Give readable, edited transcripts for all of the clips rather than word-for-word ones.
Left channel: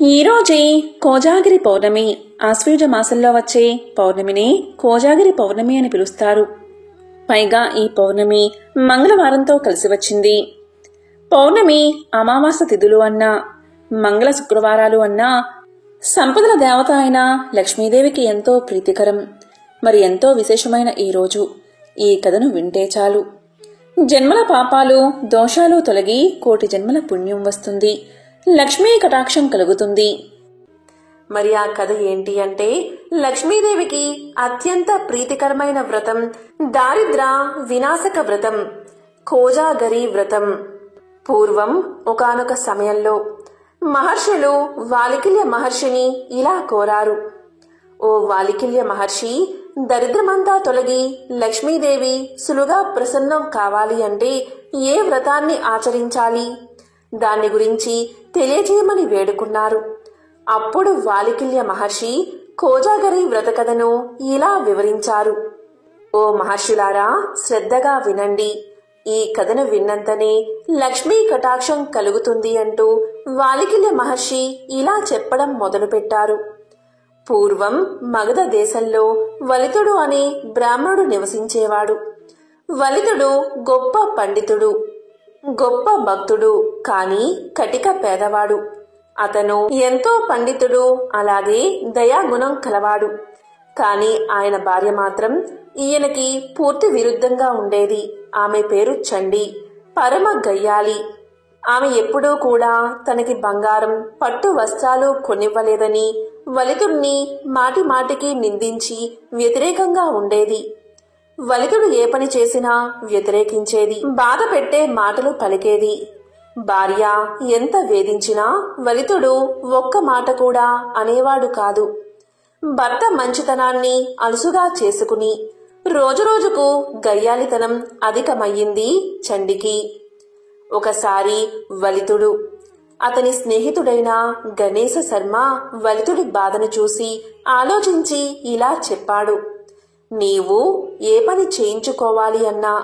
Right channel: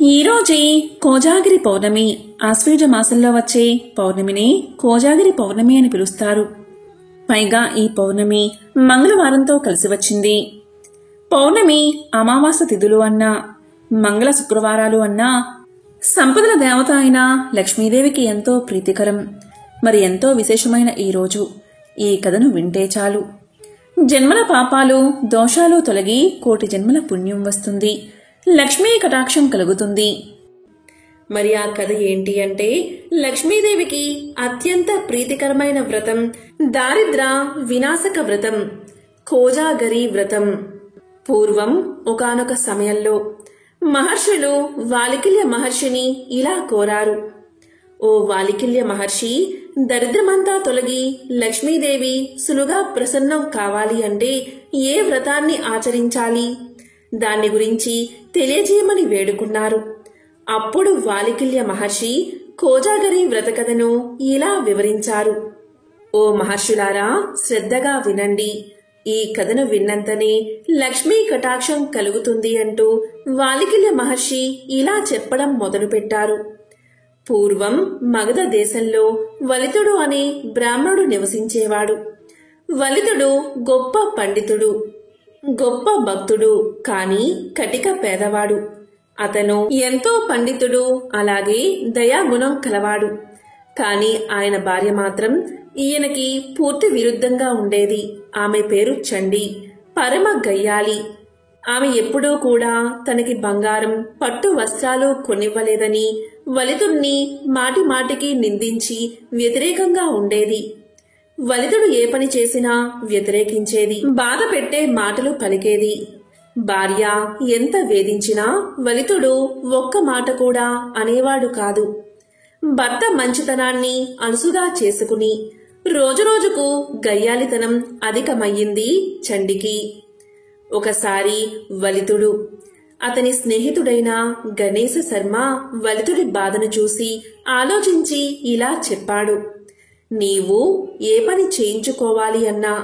ఈరోజే కోజాగిరి పౌర్ణమి. ఆశ్వయుజ మాసంలో వచ్చే పౌర్ణమిని కోజాగిరి పౌర్ణమి అని పిలుస్తారు. పైగా ఈ పౌర్ణమి మంగళవారంతో కలిసి వచ్చింది. పౌర్ణమి అమావాస్య తిథులు అన్నా, మంగళ శుక్రవారాలు అన్నా సంపదల దేవత అయిన లక్ష్మీదేవికి ఎంతో ప్రీతికరం. మరి ఎంతో విశేషమైన ఈ రోజు ఈ కథను వింటే చాలు జన్మల పాపాలు దోషాలు తొలగి కోటి జన్మల పుణ్యం వస్తుంది, లక్ష్మీ కటాక్షం కలుగుతుంది. మరి ఆ కథ ఏంటి అంటే, లక్ష్మీదేవికి అత్యంత ప్రీతికరమైన వ్రతం దారిద్ర వినాశక వ్రతం, కోజాగరి వ్రతం. పూర్వం ఒకానొక సమయంలో మహర్షులు వాలికిల్య మహర్షిని ఇలా కోరారు: ఓ వాలికిల్య మహర్షి, దరిద్రమంతా తొలగి లక్ష్మీదేవి సులుగా ప్రసన్నం కావాలి అంటే ఏ వ్రతాన్ని ఆచరించాలి, దాన్ని గురించి తెలియజేయమని వేడుకున్నారు. అప్పుడు వాలికిల్య మహర్షి కోజాగరి వ్రత కథను ఇలా వివరించారు: ఓ మహర్షులారా, శ్రద్ధగా వినండి. ఈ కథను విన్నంతనే లక్ష్మీ కటాక్షం కలుగుతుంది అంటూ వాలికిల్య మహర్షి ఇలా చెప్పడం మొదలుపెట్టారు. పూర్వం మగధ దేశంలో వలితుడు అనే బ్రాహ్మణుడు నివసించేవాడు. వలితుడు గొప్ప పండితుడు, గొప్ప భక్తుడు, కాని కటిక పేదవాడు. అతను ఎంతో పండితుడు, అలాగే దయాగుణం కలవాడు. కాని ఆయన భార్య మాత్రం ఈయనకి పూర్తి విరుద్ధంగా ఉండేది. ఆమె పేరు చండి, పరమ గయ్యాలి. ఆమె ఎప్పుడూ కూడా తనకి బంగారం, పట్టు వస్త్రాలు కొనివ్వలేదని వలితుడిని మాటి మాటికి నిందించి వ్యతిరేకంగా ఉండేది. వలితుడు ఏ పని చేసినా వ్యతిరేకించేది, బాధ పెట్టే మాటలు పలికేది. భార్య ఎంత వేధించినా వలితుడు ఒక్క మాట కూడా అనేవాడు కాదు. భర్త మంచితనాన్ని అలుసుగా చేసుకుని రోజురోజుకు గయ్యాలితనం అధికమయ్యింది చండికి. ఒకసారి వలితుడు అతని స్నేహితుడైన గణేశ శర్మ వలితుడి బాధను చూసి ఆలోచించి ఇలా చెప్పాడు: నీవు ఏ పని చేయించుకోవాలి అన్నా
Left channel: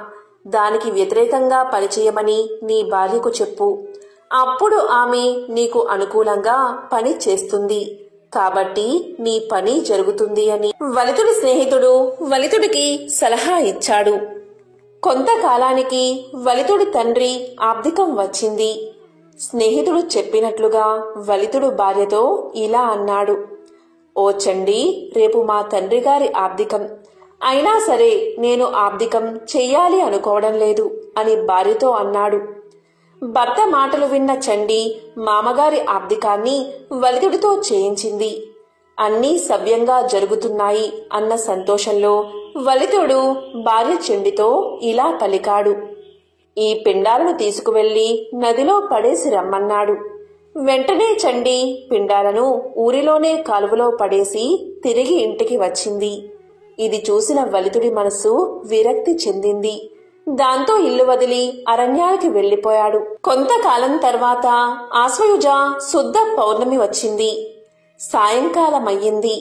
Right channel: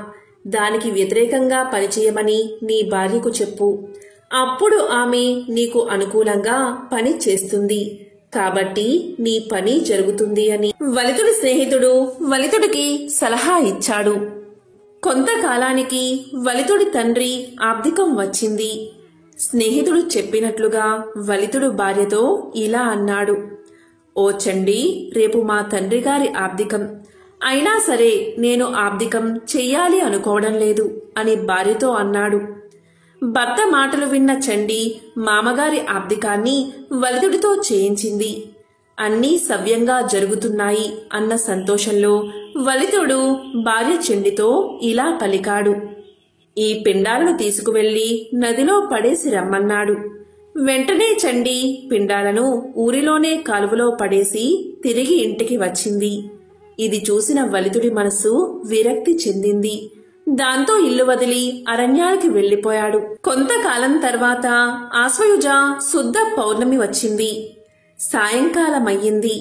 దానికి వ్యతిరేకంగా పనిచేయమని నీ భార్యకు చెప్పు. అప్పుడు ఆమె నీకు అనుకూలంగా పని చేస్తుంది, కాబట్టి నీ పని జరుగుతుంది అని వలితుడి స్నేహితుడు వలితుడికి సలహా ఇచ్చాడు. కొంతకాలానికి వలితుడి తండ్రి ఆబ్దికం వచ్చింది. స్నేహితుడు చెప్పినట్లుగా వలితుడు భార్యతో ఇలా అన్నాడు: ఓ చండి, రేపు మా తండ్రి గారి ఆబ్దికం. అయినా సరే నేను ఆబ్దికం చెయ్యాలి అనుకోవడం లేదు అని భార్యతో అన్నాడు. భర్త మాటలు విన్న చండి మామగారి ఆబ్దికాన్ని వలితుడితో చేయించింది. అన్నీ సవ్యంగా జరుగుతున్నాయి అన్న సంతోషంలో వలితుడు భార్య చండితో ఇలా పలికాడు: ఈ పిండాలను తీసుకువెళ్లి నదిలో పడేసి రమ్మన్నాడు. వెంటనే చండి పిండాలను ఊరిలోనే కాలువలో పడేసి తిరిగి ఇంటికి వచ్చింది. ఇది చూసిన వలితుడి మనసు విరక్తి చెందింది. దాంతో ఇల్లు వదిలి అరణ్యానికి వెళ్లిపోయాడు. కొంతకాలం తర్వాత ఆశ్వయుజ శుద్ధ పౌర్ణమి వచ్చింది. సాయంకాలమయ్యింది.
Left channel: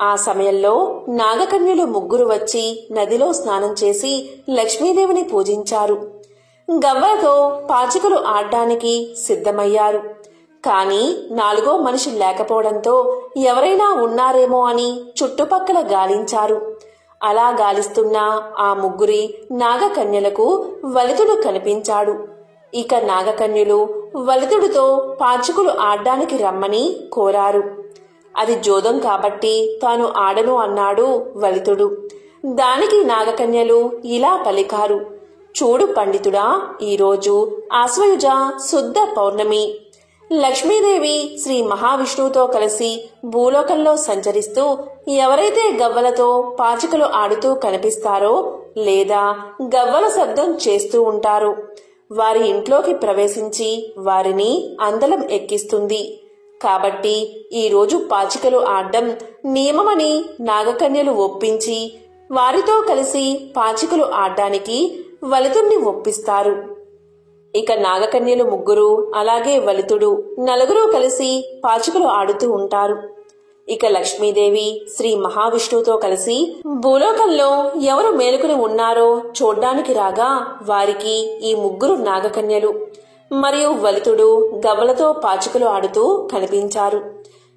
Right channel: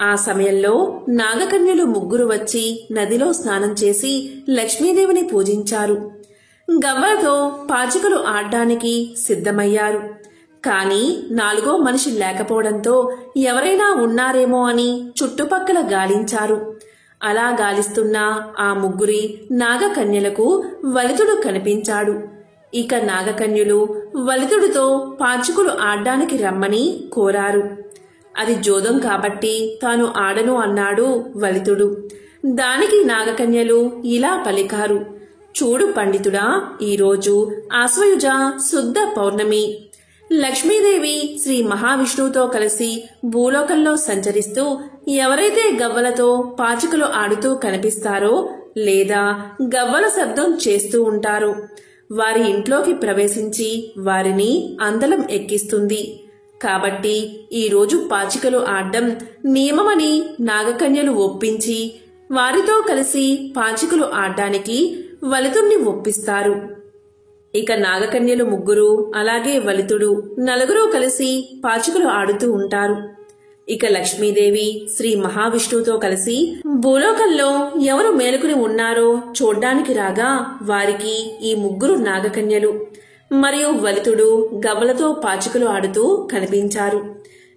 ఆ సమయంలో నాగకన్యలు ముగ్గురు వచ్చి నదిలో స్నానం చేసి లక్ష్మీదేవిని పూజించారు. గవ్వలతో పాచికలు ఆడ్డానికి సిద్ధమయ్యారు. కాని నాలుగో మనిషి లేకపోవడంతో ఎవరైనా ఉన్నారేమో అని చుట్టుపక్కల గాలించారు. అలా గాలిస్తున్న ఆ ముగ్గురి నాగకన్యలకు వలితుడు కనిపించాడు. ఇక నాగకన్యలు వలితుడితో పాచికలు ఆడ్డానికి రమ్మని కోరారు. అది జోదం కాబట్టి తాను ఆడను అన్నాడు వలితుడు. దానికి నాగకన్యలు ఇలా పలికారు: చూడు పండితుడా, ఈరోజు ఆశ్వయుజ శుద్ధ పౌర్ణమి. లక్ష్మీదేవి శ్రీ మహావిష్ణువుతో కలిసి భూలోకంలో సంచరిస్తూ ఎవరైతే గవ్వలతో పాచికలు ఆడుతూ కనిపిస్తారో లేదా గవ్వల శబ్దం చేస్తూ ఉంటారో వారి ఇంట్లోకి ప్రవేశించి వారిని అందలం ఎక్కిస్తుంది. కాబట్టి ఈరోజు పాచికలు ఆడ్డం నియమమని నాగకన్యలు ఒప్పించి వారితో కలిసి పాచికలు ఆడ్డానికి వలితుణ్ణి ఒప్పిస్తారు. ఇక నాగకన్యలు ముగ్గురు, అలాగే వలితుడు, నలుగురు కలిసి పాచికలు ఆడుతూ ఉంటారు. ఇక లక్ష్మీదేవి శ్రీ మహావిష్ణువుతో కలిసి భూలోకంలో ఎవరు మేలుకుని ఉన్నారో చూడ్డానికి రాగా వారికి ఈ ముగ్గురు నాగకన్యలు మరియు వలితుడు గవ్వలతో పాచికలు ఆడుతూ కనిపించారు.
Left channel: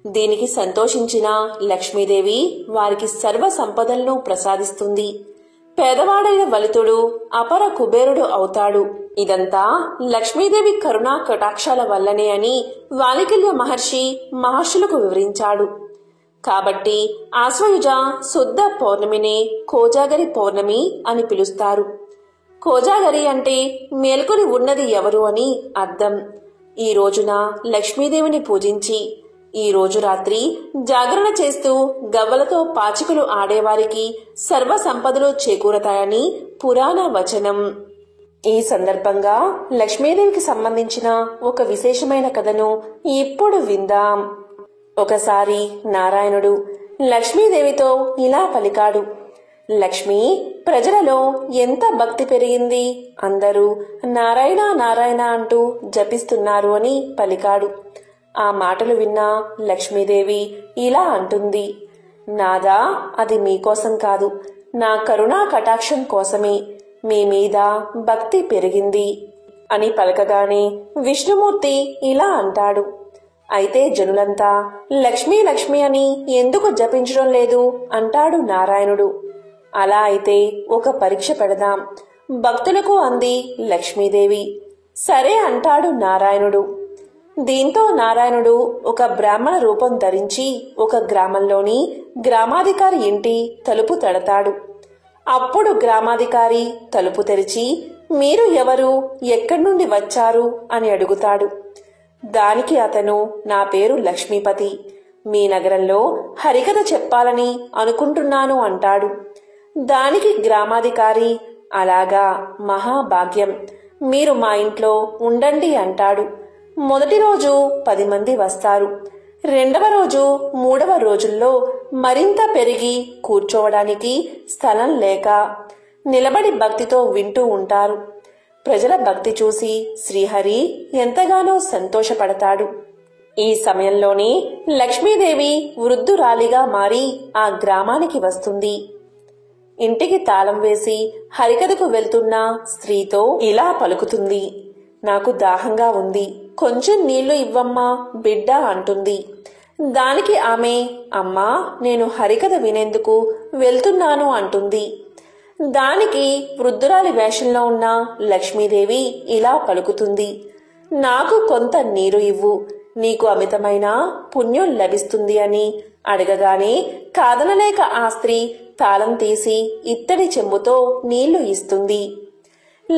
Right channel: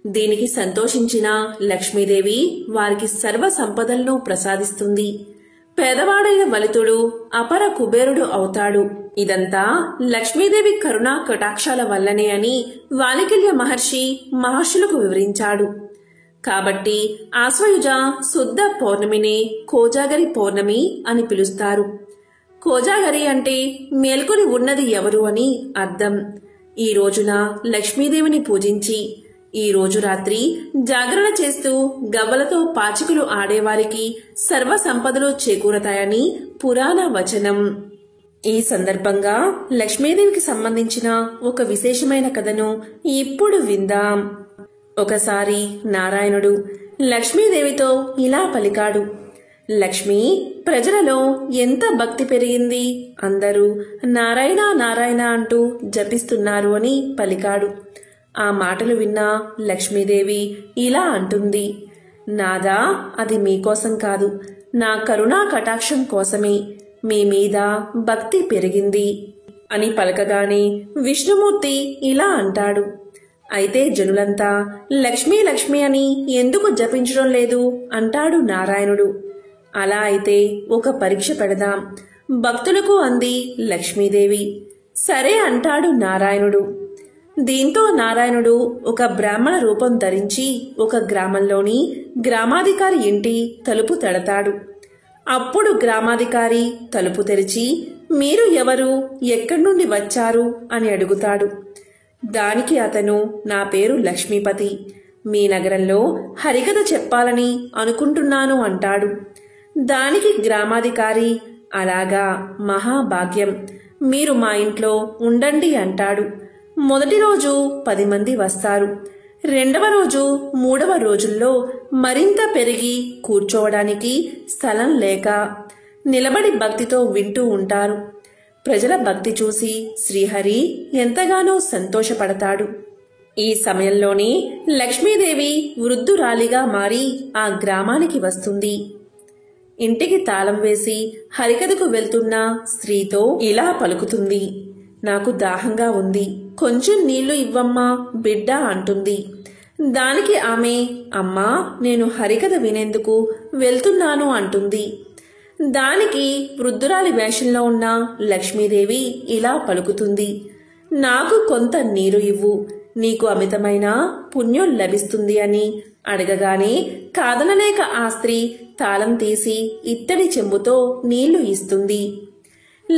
దీనికి సంతోషించిన లక్ష్మీదేవి వారికి సర్వ సంపదలను ప్రసాదిస్తుంది. పేదవాడైన వలితుడు అపర కుబేరుడు అవుతాడు. ఇదంతా లక్ష్మీదేవి కరుణా కటాక్షాల వల్లనే అని వాలికల్య మహర్షులకు వివరించాడు. కాబట్టి ఆశ్వయుజ శుద్ధ పౌర్ణమినే కోజాగరి పౌర్ణమి అని పిలుస్తారు. కోజాగరి అంటే మేల్కొని ఉన్నది ఎవరు అని అర్థం. ఈ రోజున లక్ష్మీదేవిని పూజించి ఈ రోజు రాత్రి జాగరణ చేస్తూ గవ్వలతో పాచికలు ఆడేవారికి సర్వ సంపదలు చేకూరతాయని పురాణ వచనం. ఈ సందర్భంగా లక్ష్మీదేవికి సంబంధించిన ఒక విశేషమైన కథను ఇప్పుడు విందాం. ఒకసారి నారాయణుడు లక్ష్మీదేవితో ఇలా పలికాడు. లక్ష్మి, ప్రజలలో ఎంత భక్తి పెరిగింది, అందరూ నారాయణ నారాయణ అంటూ జపిస్తున్నారు అని పలికాడు. ఆ మాటలు విన్న లక్ష్మీదేవి ఇలా అంటుంది. నాదా, అది మీకోసం కాదు, నా కరుణా కటాక్షం కోసమే మీ మీద భక్తి పెరిగింది అని పలకగానే విష్ణుమూర్తి ఇలా అంటాడు. అయితే జనులంతా లక్ష్మీ లక్ష్మి అని ఎందుకు జపించడం లేదు అంటాడు నారాయణుడు. అలా అయితే ఒక పరీక్ష పెడదాం, భక్తులకు అంది లక్ష్మీదేవి. సరే అంటాడు నారాయణుడు. దీంతో నారాయణుడు ఒక బ్రాహ్మణ రూపం ధరించి ఒక గ్రామంలోని గ్రామాధికారి ఇంటి తలుపు తడతాడు. అప్పుడు గ్రామాధికారి తలుపు తెరిచి, మీరు ఎవరు, ఎక్కడి నుండి వచ్చారు అని అడుగుతాడు. దానికి అతను, నా పేరు లక్ష్మీపతి, మీ నగరంలో హరికథ చెప్పాలని అనుకుంటున్నాను అంటాడు. దానికి గ్రామాధికారి, అలాగా, మహాభాగ్యం, మీరు మా ఇంట్లో ఉండండి అంటాడు. మొదటి రోజు 10 మంది వస్తారు. రెండవ రోజు, మూడవ రోజుల్లో మరింత పెరిగి కూర్చోవడానికి స్థలం లేక నిలబడి భక్తితో వింటూ ఉంటారు. ప్రజల భక్తి చూసి శ్రీహరి ఎంతగానో సంతోషపడతాడు. ఈ సమయంలోనే లక్ష్మీదేవి వృద్ధురాలిగా మారి ఆ గ్రామానికి వస్తుంది. ఇంటికి తాళం వేసి హరికథకు వెళ్తున్న స్త్రీతో ఇలా పలుకుతుంది. నాకు దాహంగా ఉంది, కొంచెం నీళ్లు ఇవ్వమ్మా బిడ్డ అంటుంది. దానికి ఆమె, అమ్మా, నేను హరికథ వినేందుకు వెళ్తున్నాను అంటుంది. దానికి వృద్ధురాలి వేషంలో ఉన్న లక్ష్మీదేవి ఇలా పలుకుతుంది. నాకు కొంత నీరు ఇవ్వు, నీకు అమితమైన పుణ్యం లభిస్తుంది అని అడగగానే కాదనలేక ఆ స్త్రీ తాళం తీసి ఇత్తడి చెంబుతో నీళ్లు ఇస్తుంది.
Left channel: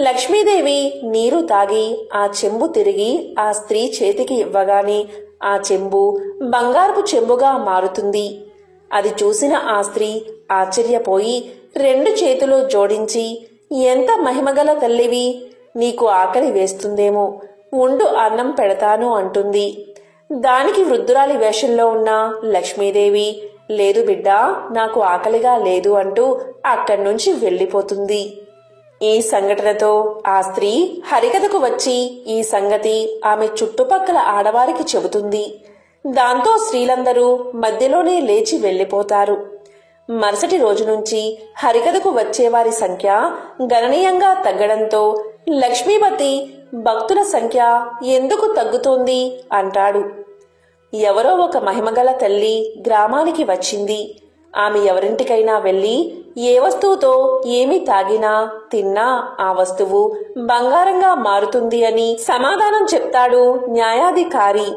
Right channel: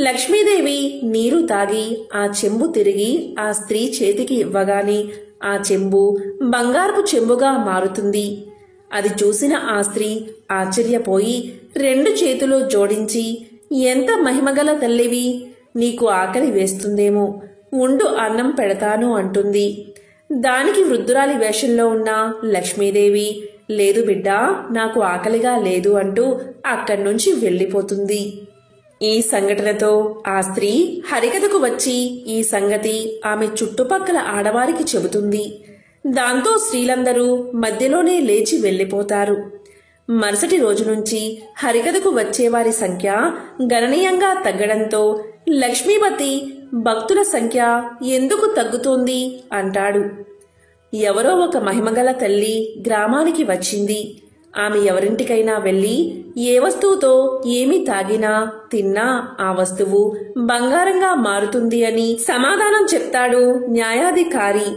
లక్ష్మీదేవి నీరు తాగి ఆ చెంబు తిరిగి ఆ స్త్రీ చేతికి ఇవ్వగానే ఆ చెంబు బంగారపు చెంబుగా మారుతుంది. అది చూసిన ఆ స్త్రీ ఆశ్చర్యపోయి 2 చేతులు జోడించి, ఎంత మహిమగల తల్లివి, నీకు ఆకలి వేస్తుందేమో, ఉండు అన్నం పెడతాను అంటుంది. దానికి వృద్ధురాలి వేషంలో ఉన్న లక్ష్మీదేవి, లేదు బిడ్డా, నాకు ఆకలిగా లేదు అంటూ అక్కడి నుంచి వెళ్లిపోతుంది. ఈ సంఘటనతో ఆ స్త్రీ హరికథకు వచ్చి ఈ సంగతి ఆమె చుట్టుపక్కల ఆడవారికి చెబుతుంది. దాంతో స్త్రీలందరూ మధ్యలోనే లేచి వెళ్లిపోతారు. మరుసటి రోజు నుంచి హరికథకు వచ్చేవారి సంఖ్య గణనీయంగా తగ్గడంతో లక్ష్మీపతి భక్తుల సంఖ్య ఎందుకు తగ్గుతోంది అంటాడు. ఎవరో ఒక మహిమగల తల్లి గ్రామానికి వచ్చింది. ఆమె ఎవరింటికైనా వెళ్లి ఏ వస్తువుతో ఏమి తాగినా తిన్నా ఆ వస్తువు బంగారంగా మారుతుంది అని సమాధానం చెప్తాడు న్యాయాధికారి.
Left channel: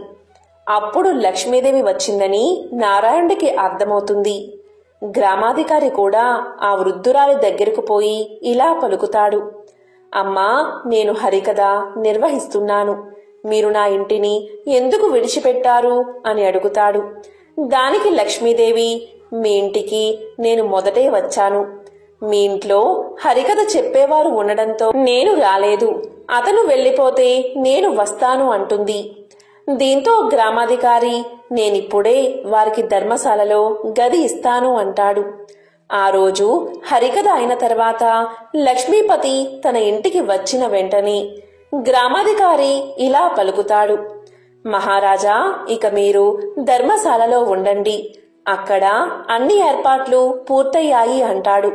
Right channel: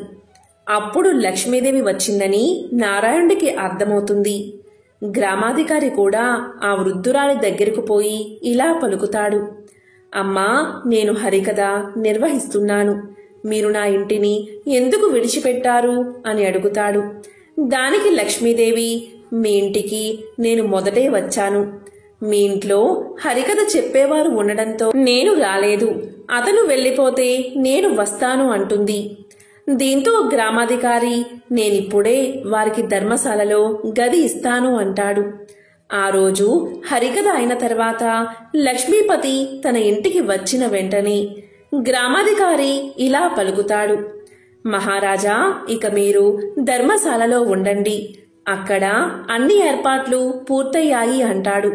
అప్పుడు లక్ష్మీదేవి వచ్చిందని నారాయణుడికి అర్థమవుతుంది. గ్రామాధికారి కూడా ఆ వృద్ధురాలి దగ్గరకు పోయి ఇలా పలుకుతాడు. అమ్మా, నేను హరికథ నిర్వహిస్తున్నాను, మీరు నా ఇంటిని ఎందుకు విడిచిపెట్టారు అని అడుగుతాడు. దానికి లక్ష్మీదేవి, మీ ఇంటికి నేను మొదటే వచ్చాను, మీ ఇంట్లో హరికథ చెప్పేవారు ఉండడంతో నేను రాలేదు, అతను వెళ్లిపోతే నేను వస్తాను అంటుంది. దీంతో గ్రామాధికారి, నేనిప్పుడే వారికి ధర్మశాలలో గది ఇస్తాను అంటాడు. ఆ రోజు హరికథ అయిన తర్వాత లక్ష్మీపతి తన ఇంటికి వచ్చిన వెంటనే గ్రామాధికారి ఇలా పలుకుతాడు. మహారాజా, ఇక మీరు ధర్మశాలలో ఉండండి, అక్కడ అన్ని ఏర్పాట్లు పూర్తయ్యాయి అంటాడు.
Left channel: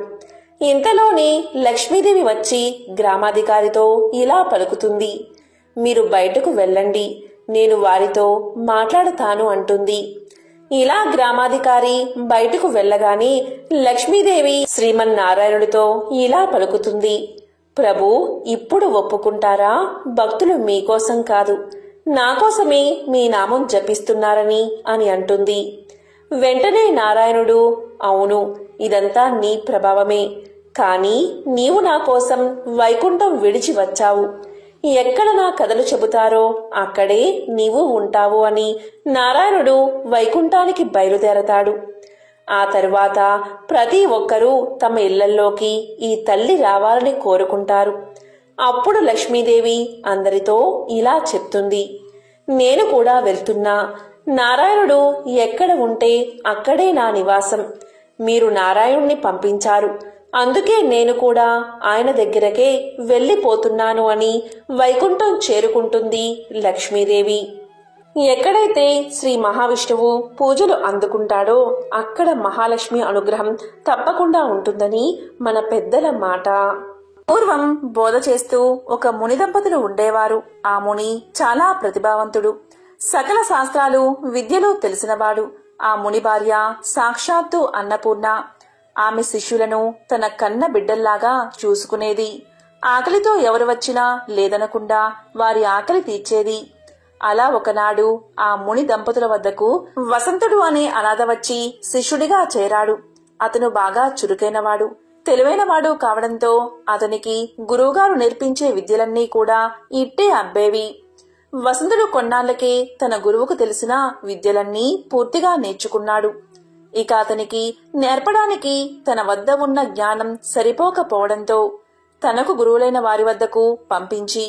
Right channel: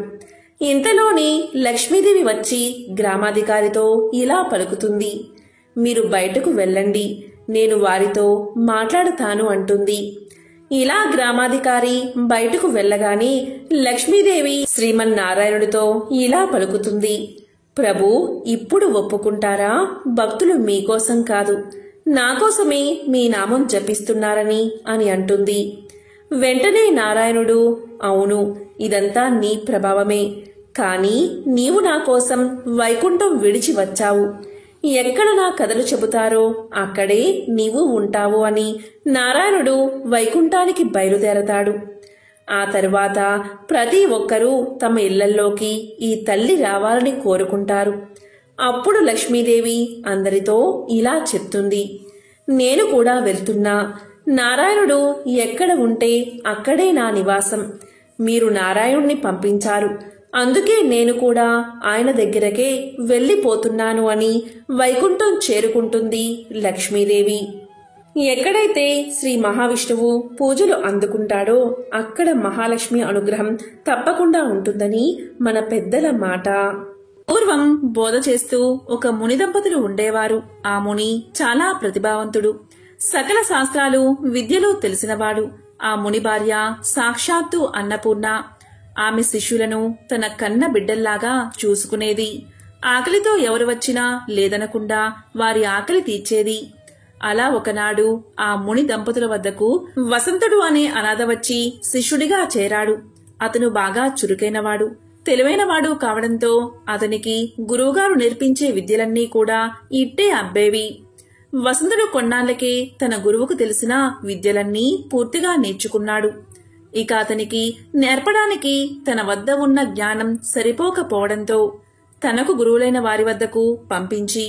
ఇంతలోనే లక్ష్మీదేవి వచ్చి గ్రామాధికారితో ఇలా పలుకుతుంది. మీరు బయటకు వెళ్ళండి, నేను వారితో మాట్లాడుతాను అంటుంది. ఇలా గ్రామాధికారి బయటకు వెళ్ళగానే లక్ష్మీదేవి శ్రీమన్నారాయణుడితో ఇలా పలుకుతుంది. ప్రభు, ఇప్పుడు ఒప్పుకుంటారా? భక్తులు మీకోసం కాదు, నాకోసమే మీ నామం జపిస్తున్నారని అని అంటుంది. వెంటనే నారాయణుడు, అవును, ఇదంతా నీ ప్రభావమే, కాని నీవు నా కోసం వైకుంఠం విడిచి వచ్చావు. ఎక్కడ నా కథలు చెబుతారో అక్కడే నీవు ఉంటావు అని నారాయణుడు వైకుంఠానికి బయలుదేరతాడు. ఆ తరువాత ప్రతి ఒక్కరూ తమ ఇళ్లల్లోకి ఈ తల్లి రావాలని కోరుకుంటారు. అప్పుడు లక్ష్మీదేవి అందరితో ఇలా చెప్తుంది. నేను కూడా వెళ్తున్నా. నారాయణుడు ఎక్కడ ఉంటే అక్కడే నా నివాసం. మీరు నారాయణుణ్ణి పంపించారు, అందుకే నేను కూడా ఆయన దగ్గరకే వెళ్లిపోతున్నాను అని వైకుంఠం చేరుకుంటుంది లక్ష్మీదేవి. ఎక్కడైతే శ్రీ మహావిష్ణువు పూజలు అందుకుంటాడో అక్కడ మహాలక్ష్మి అనుగ్రహం తప్పకుండా ఉంటుందని మన పెద్దల మాట. పూర్వం బోధ చేస్తూ ఒక ముని దంపతులు ఉండేవారు. ఆ ముని చాలా ప్రతిభావంతుడు, సకల శాస్త్రాలు విద్యలో తెలిసినవాడు. ఆ ముని భార్య సాక్షాత్తు అన్నపూర్ణ. ఆమె శిష్యులను తన కన్న బిడ్డల్లాగా చూసుకునేది. ఆకలితో ఎవరు వచ్చినా లేదనకుండా వారి ఆకలి తీర్చేది. అలా ఒకనాడు ఆ ముని దంపతుల వద్దకు వసంతుడు అనే అనాథ వచ్చి శిష్యుడిగా చేరాడు. అతను బాగా చురుకైనవాడు, తెలివైనవాడు కావడంతో అతనికి గురువుగారు నేర్పించే విద్యలన్నీ కూడా ఇట్టే అబ్బేవి. వసంతుడు కొన్నాళ్లకే తన గురువుకు తెలిసిన విద్యలన్నీ పూర్తిగా నేర్చుకున్నాడు. ఇక అతనికి నేర్పడానికి తన వద్ద ఉన్న జ్ఞానం సరిపోకపోవడంతో తనకు గురువులైన వారి వద్దకు పంపించి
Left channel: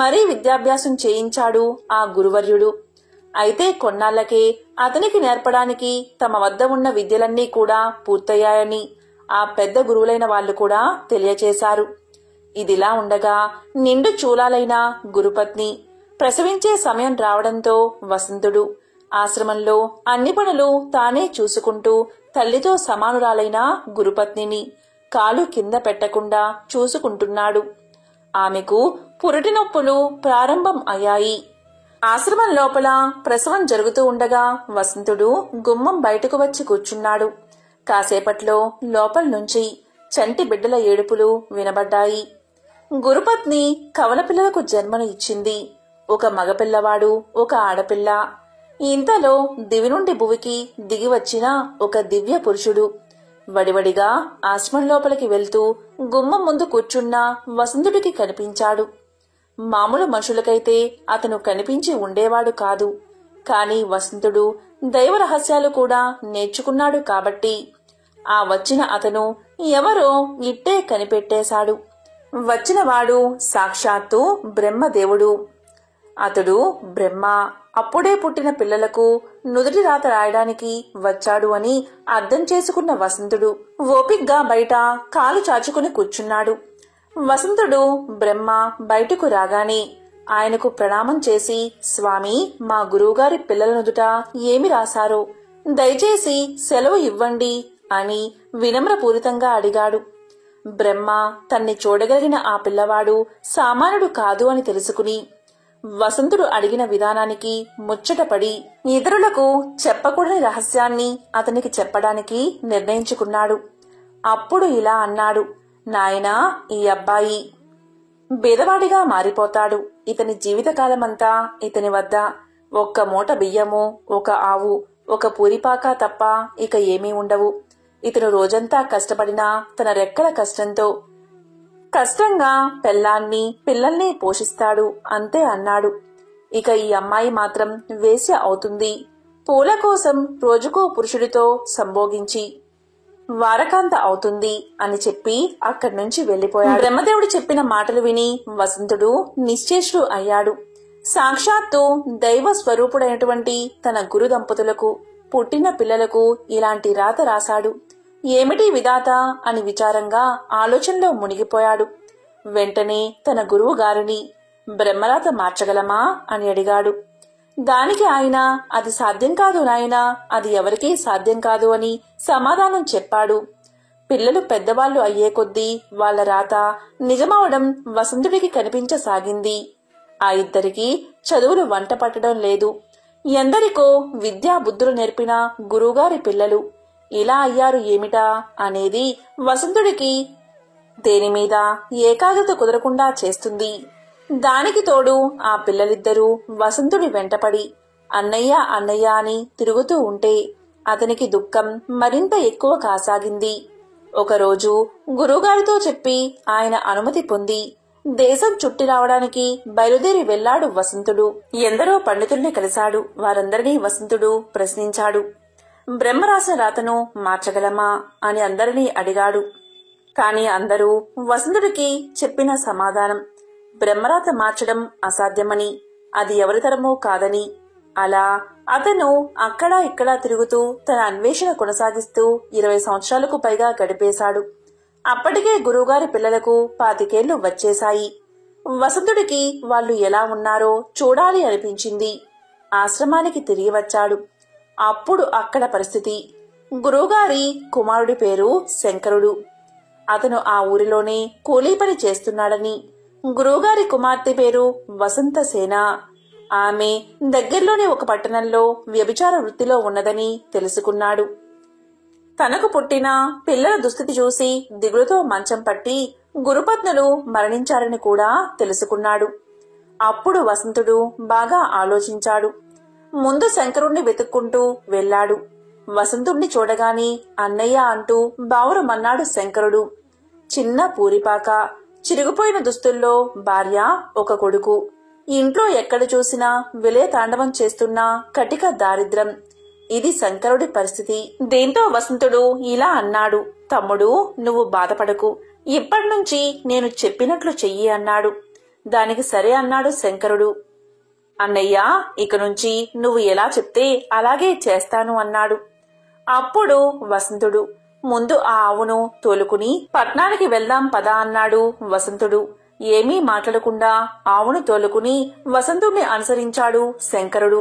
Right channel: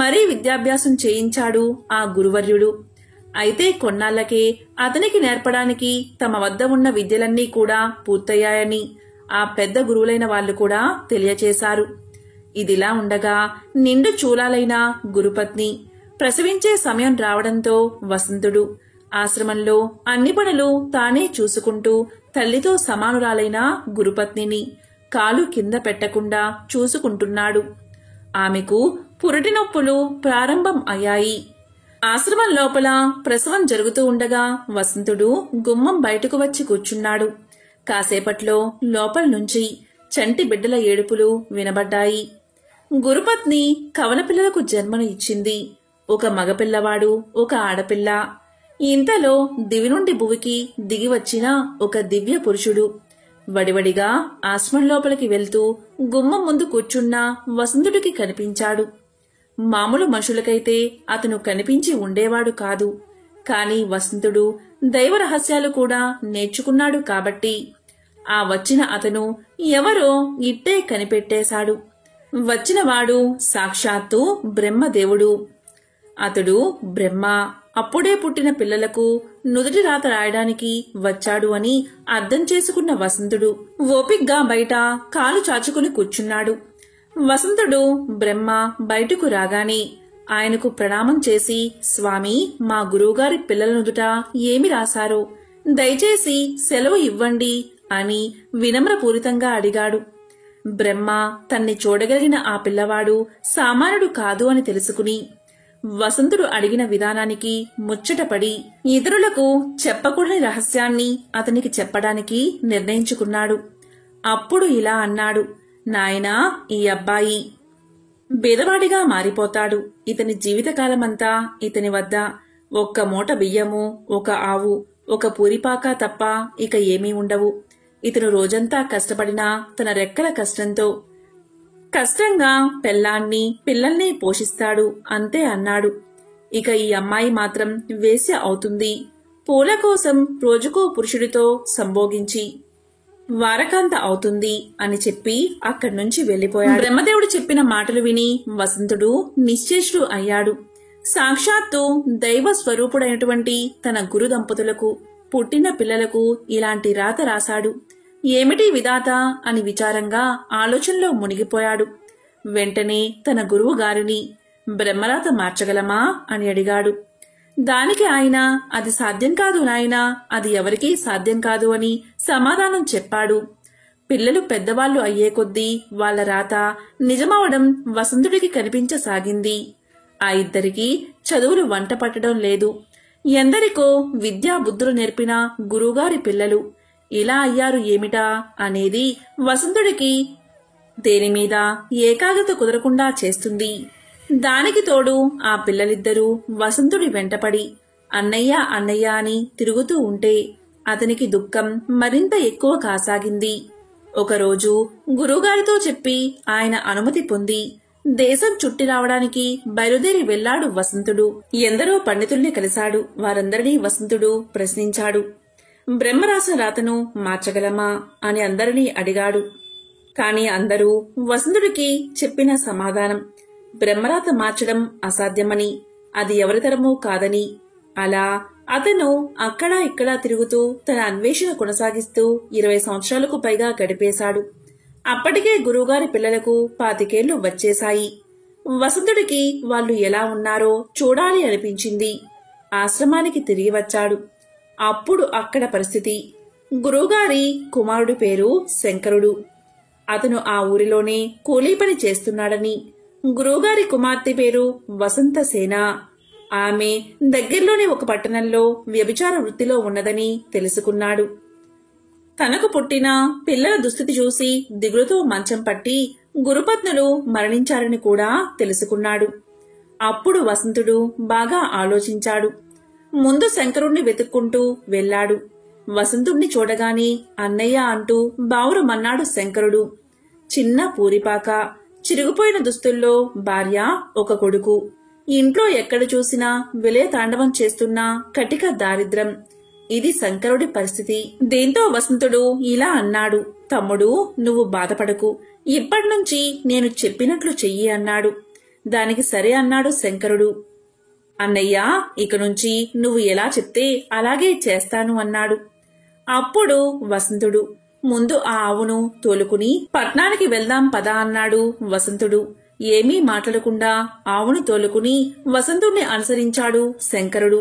మరీ విద్యాభ్యాసం చేయించాడు ఆ గురువర్యుడు. అయితే కొన్నాళ్లకే అతనికి నేర్పడానికి తమ వద్ద ఉన్న విద్యలన్నీ కూడా పూర్తయ్యాయని ఆ పెద్ద గురువులైన వాళ్లు కూడా తెలియచేశారు. ఇదిలా ఉండగా నిండు చూలాలైన గురుపత్ని ప్రసవించే సమయం రావడంతో వసంతుడు ఆశ్రమంలో అన్ని పనులు తానే చూసుకుంటూ తల్లితో సమానురాలైన గురుపత్నిని కాలు కింద పెట్టకుండా చూసుకుంటున్నాడు. ఆమెకు పురిటి నొప్పులు ప్రారంభం అయ్యాయి. ఆశ్రమం లోపల ప్రసవం జరుగుతూ ఉండగా వసంతుడు గుమ్మం బయటకు వచ్చి కూర్చున్నాడు. కాసేపట్లో లోపల నుంచి చంటి బిడ్డల ఏడుపులు వినబడ్డాయి. గురుపత్ని కవల పిల్లలకు జన్మను ఇచ్చింది. ఒక మగపిల్లవాడు, ఒక ఆడపిల్ల. ఇంతలో దివి నుండి భువికి దిగి వచ్చిన ఒక దివ్య పురుషుడు వడివడిగా ఆశ్రమం లోపలికి వెళ్తూ గుమ్మం ముందు కూర్చున్న వసంతుడికి కనిపించాడు. మామూలు మనుషులకైతే అతను కనిపించి ఉండేవాడు కాదు. కాని వసంతుడు దైవ రహస్యాలు కూడా నేర్చుకున్నాడు కాబట్టి ఆ వచ్చిన అతను ఎవరో ఇట్టే కనిపెట్టేశాడు. వచ్చినవాడు సాక్షాత్తు బ్రహ్మదేవుడు. అతడు బ్రహ్మ అప్పుడే పుట్టిన పిల్లలకు నుదుటి రాత రాయడానికి వచ్చాడు అని అర్థం చేసుకున్న వసంతుడు ఓపిగ్గా బయట కాలు చాచుకుని కూర్చున్నాడు. వసంతుడు బ్రహ్మ బయటకు రాగానే ఆయనకు ప్రణామం చేసి, స్వామి, మా గురువుగారి పిల్లల నుదుట ఏమి రాశారో దయచేసి సెలవు ఇవ్వండి అని వినమ్రపూరితంగా అడిగాడు. బ్రహ్మ తన్ని చూడగలిగిన ఆ పిల్లవాడు సామాన్యుడు కాదు అని తెలుసుకుని వసంతుడు అడిగిన విధానానికి ముచ్చటపడి ఇతరులకు చెప్పకూడని రహస్యాన్ని అతనికి చెప్పడానికి నిర్ణయించుకున్నాడు. అప్పుడు ఇలా అన్నాడు, నాయనా, ఈ అబ్బాయి బీదవాడిగా మారిపోతాడు. ఇతని జీవితకాలమంతా ఇతని వద్ద ఒక్క మూట బియ్యము, ఒక ఆవు, ఒక పూరిపాక తప్ప ఇక ఏమీ ఉండవు. ఇతను రోజంతా కష్టపడినా తన రెక్కల కష్టంగా పెళ్ళాన్ని పిల్లల్ని పోషిస్తాడు అంతే అన్నాడు. ఇక ఈ అమ్మాయి మాత్రం వేశ్య అవుతుంది. పూల కోసం రోజుకో పురుషుడితో సంభోగించి వారకాంత అవుతుంది అని చెప్పి అక్కడి నుంచి వెళ్లిపోయాడు. బ్రహ్మదేవుడు చెప్పిన మాటలు విని వసంతుడు నిశ్చేష్టుడు అయ్యాడు. సాక్షాత్తు దైవ స్వరూపుడైనటువంటి తన గురు దంపతులకు పుట్టిన పిల్లలకు ఇలాంటి రాత రాశాడు. ఏమిటి విధాత అని విచారంగా ఆలోచనలో మునిగిపోయాడు. వెంటనే తన గురువు గారిని బ్రహ్మరాత మార్చగలమా అని అడిగాడు. దానికి ఆయన, అది సాధ్యం కాదు నాయనా, అది ఎవరికీ సాధ్యం కాదు అని సమాధానం చెప్పాడు. పిల్లలు పెద్దవాళ్లు అయ్యే కొద్దీ వాళ్ల రాత నిజమవడం వసంతుడికి కనిపించసాగింది. ఆ ఇద్దరికీ చదువులు వంట పట్టడం లేదు. ఎందరికో విద్యా బుద్ధులు నేర్పిన గురువుగారి పిల్లలు ఇలా అయ్యారు ఏమిటా అనేది వసంతుడికి దేనిమీద ఏకాగ్రత కుదరకుండా చేస్తుంది. దానికి తోడు ఆ పిల్లలిద్దరూ వసంతుడి వెంటపడి అన్నయ్య అన్నయ్య అని తిరుగుతూ ఉంటే అతనికి దుఃఖం మరింత ఎక్కువ కాసాగింది. ఒకరోజు గురువుగారితో చెప్పి ఆయన అనుమతి పొంది దేశం చుట్టి రావడానికి బయలుదేరి వెళ్లాడు వసంతుడు. ఎందరో పండితుల్ని కలిశాడు. వారందరినీ వసంతుడు ప్రశ్నించాడు. బ్రహ్మరాసిన రాతను మార్చగలమా అని అందరినీ అడిగాడు. కాని అందరూ వసంతుడికి చెప్పిన సమాధానం బ్రహ్మరాత మార్చడం అసాధ్యమని, అది ఎవరితరమూ కాదని. అలా అతను అక్కడా ఇక్కడా తిరుగుతూ తన అన్వేషణ కొనసాగిస్తూ 20 సంవత్సరాలకు పైగా గడిపేశాడు. అప్పటికే గురువుగారి పిల్లలకు 25 ఏళ్లు వచ్చేశాయి. వసంతుడికి వాళ్ళు ఎలా ఉన్నారో చూడాలి అనిపించింది. ఆశ్రమానికి తిరిగి వచ్చాడు. అప్పుడు అక్కడ పరిస్థితి. గురువుగారి కుమారుడి పేరు శంకరుడు. అతను ఆ ఊరిలోనే కూలీ పని చేస్తున్నాడని, గురువుగారి కుమార్తె పేరు వసంతసేన. ఆమె దగ్గర్లోని ఒక పట్టణంలో వ్యభిచార వృత్తిలో ఉన్నదని తెలుసుకున్నాడు. తనకు పుట్టిన పిల్లల దుస్థితి చూసి దిగులుతో మంచం పట్టి గురుపత్నులు మరణించారని కూడా తెలుసుకున్నాడు. అప్పుడు వసంతుడు బాగా ఆలోచించాడు. ముందు శంకరుణ్ణి వెతుక్కుంటూ వెళ్లాడు. వసంతుణ్ణి చూడగాని అన్నయ్య అంటూ బావురమన్నాడు శంకరుడు. చిన్న పూరిపాక, చిరిగిపోయిన దుస్తుల్లో భార్య, ఒక కొడుకు. ఇంట్లో ఎక్కడ చూసినా విలయ తాండవం చేస్తున్న కటిక దారిద్ర్యం. ఇది శంకరుడి పరిస్థితి. దీంతో వసంతుడు ఇలా అన్నాడు. తమ్ముడు, నువ్వు బాధపడకు. ఇప్పటినుంచి నేను చెప్పినట్లు చెయ్యి అన్నాడు. దానికి సరే అన్నాడు శంకరుడు. అన్నయ్య, ఇక నుంచి నువ్వు ఎలా చెప్తే అలాగే చేస్తాను అన్నాడు. అప్పుడు వసంతుడు, ముందు ఆ ఆవును తోలుకుని పట్నానికి వెళ్దాం పదా అన్నాడు వసంతుడు. ఏమీ మాట్లాడకుండా ఆవును తోలుకుని వసంతుణ్ణి అనుసరించాడు శంకరుడు.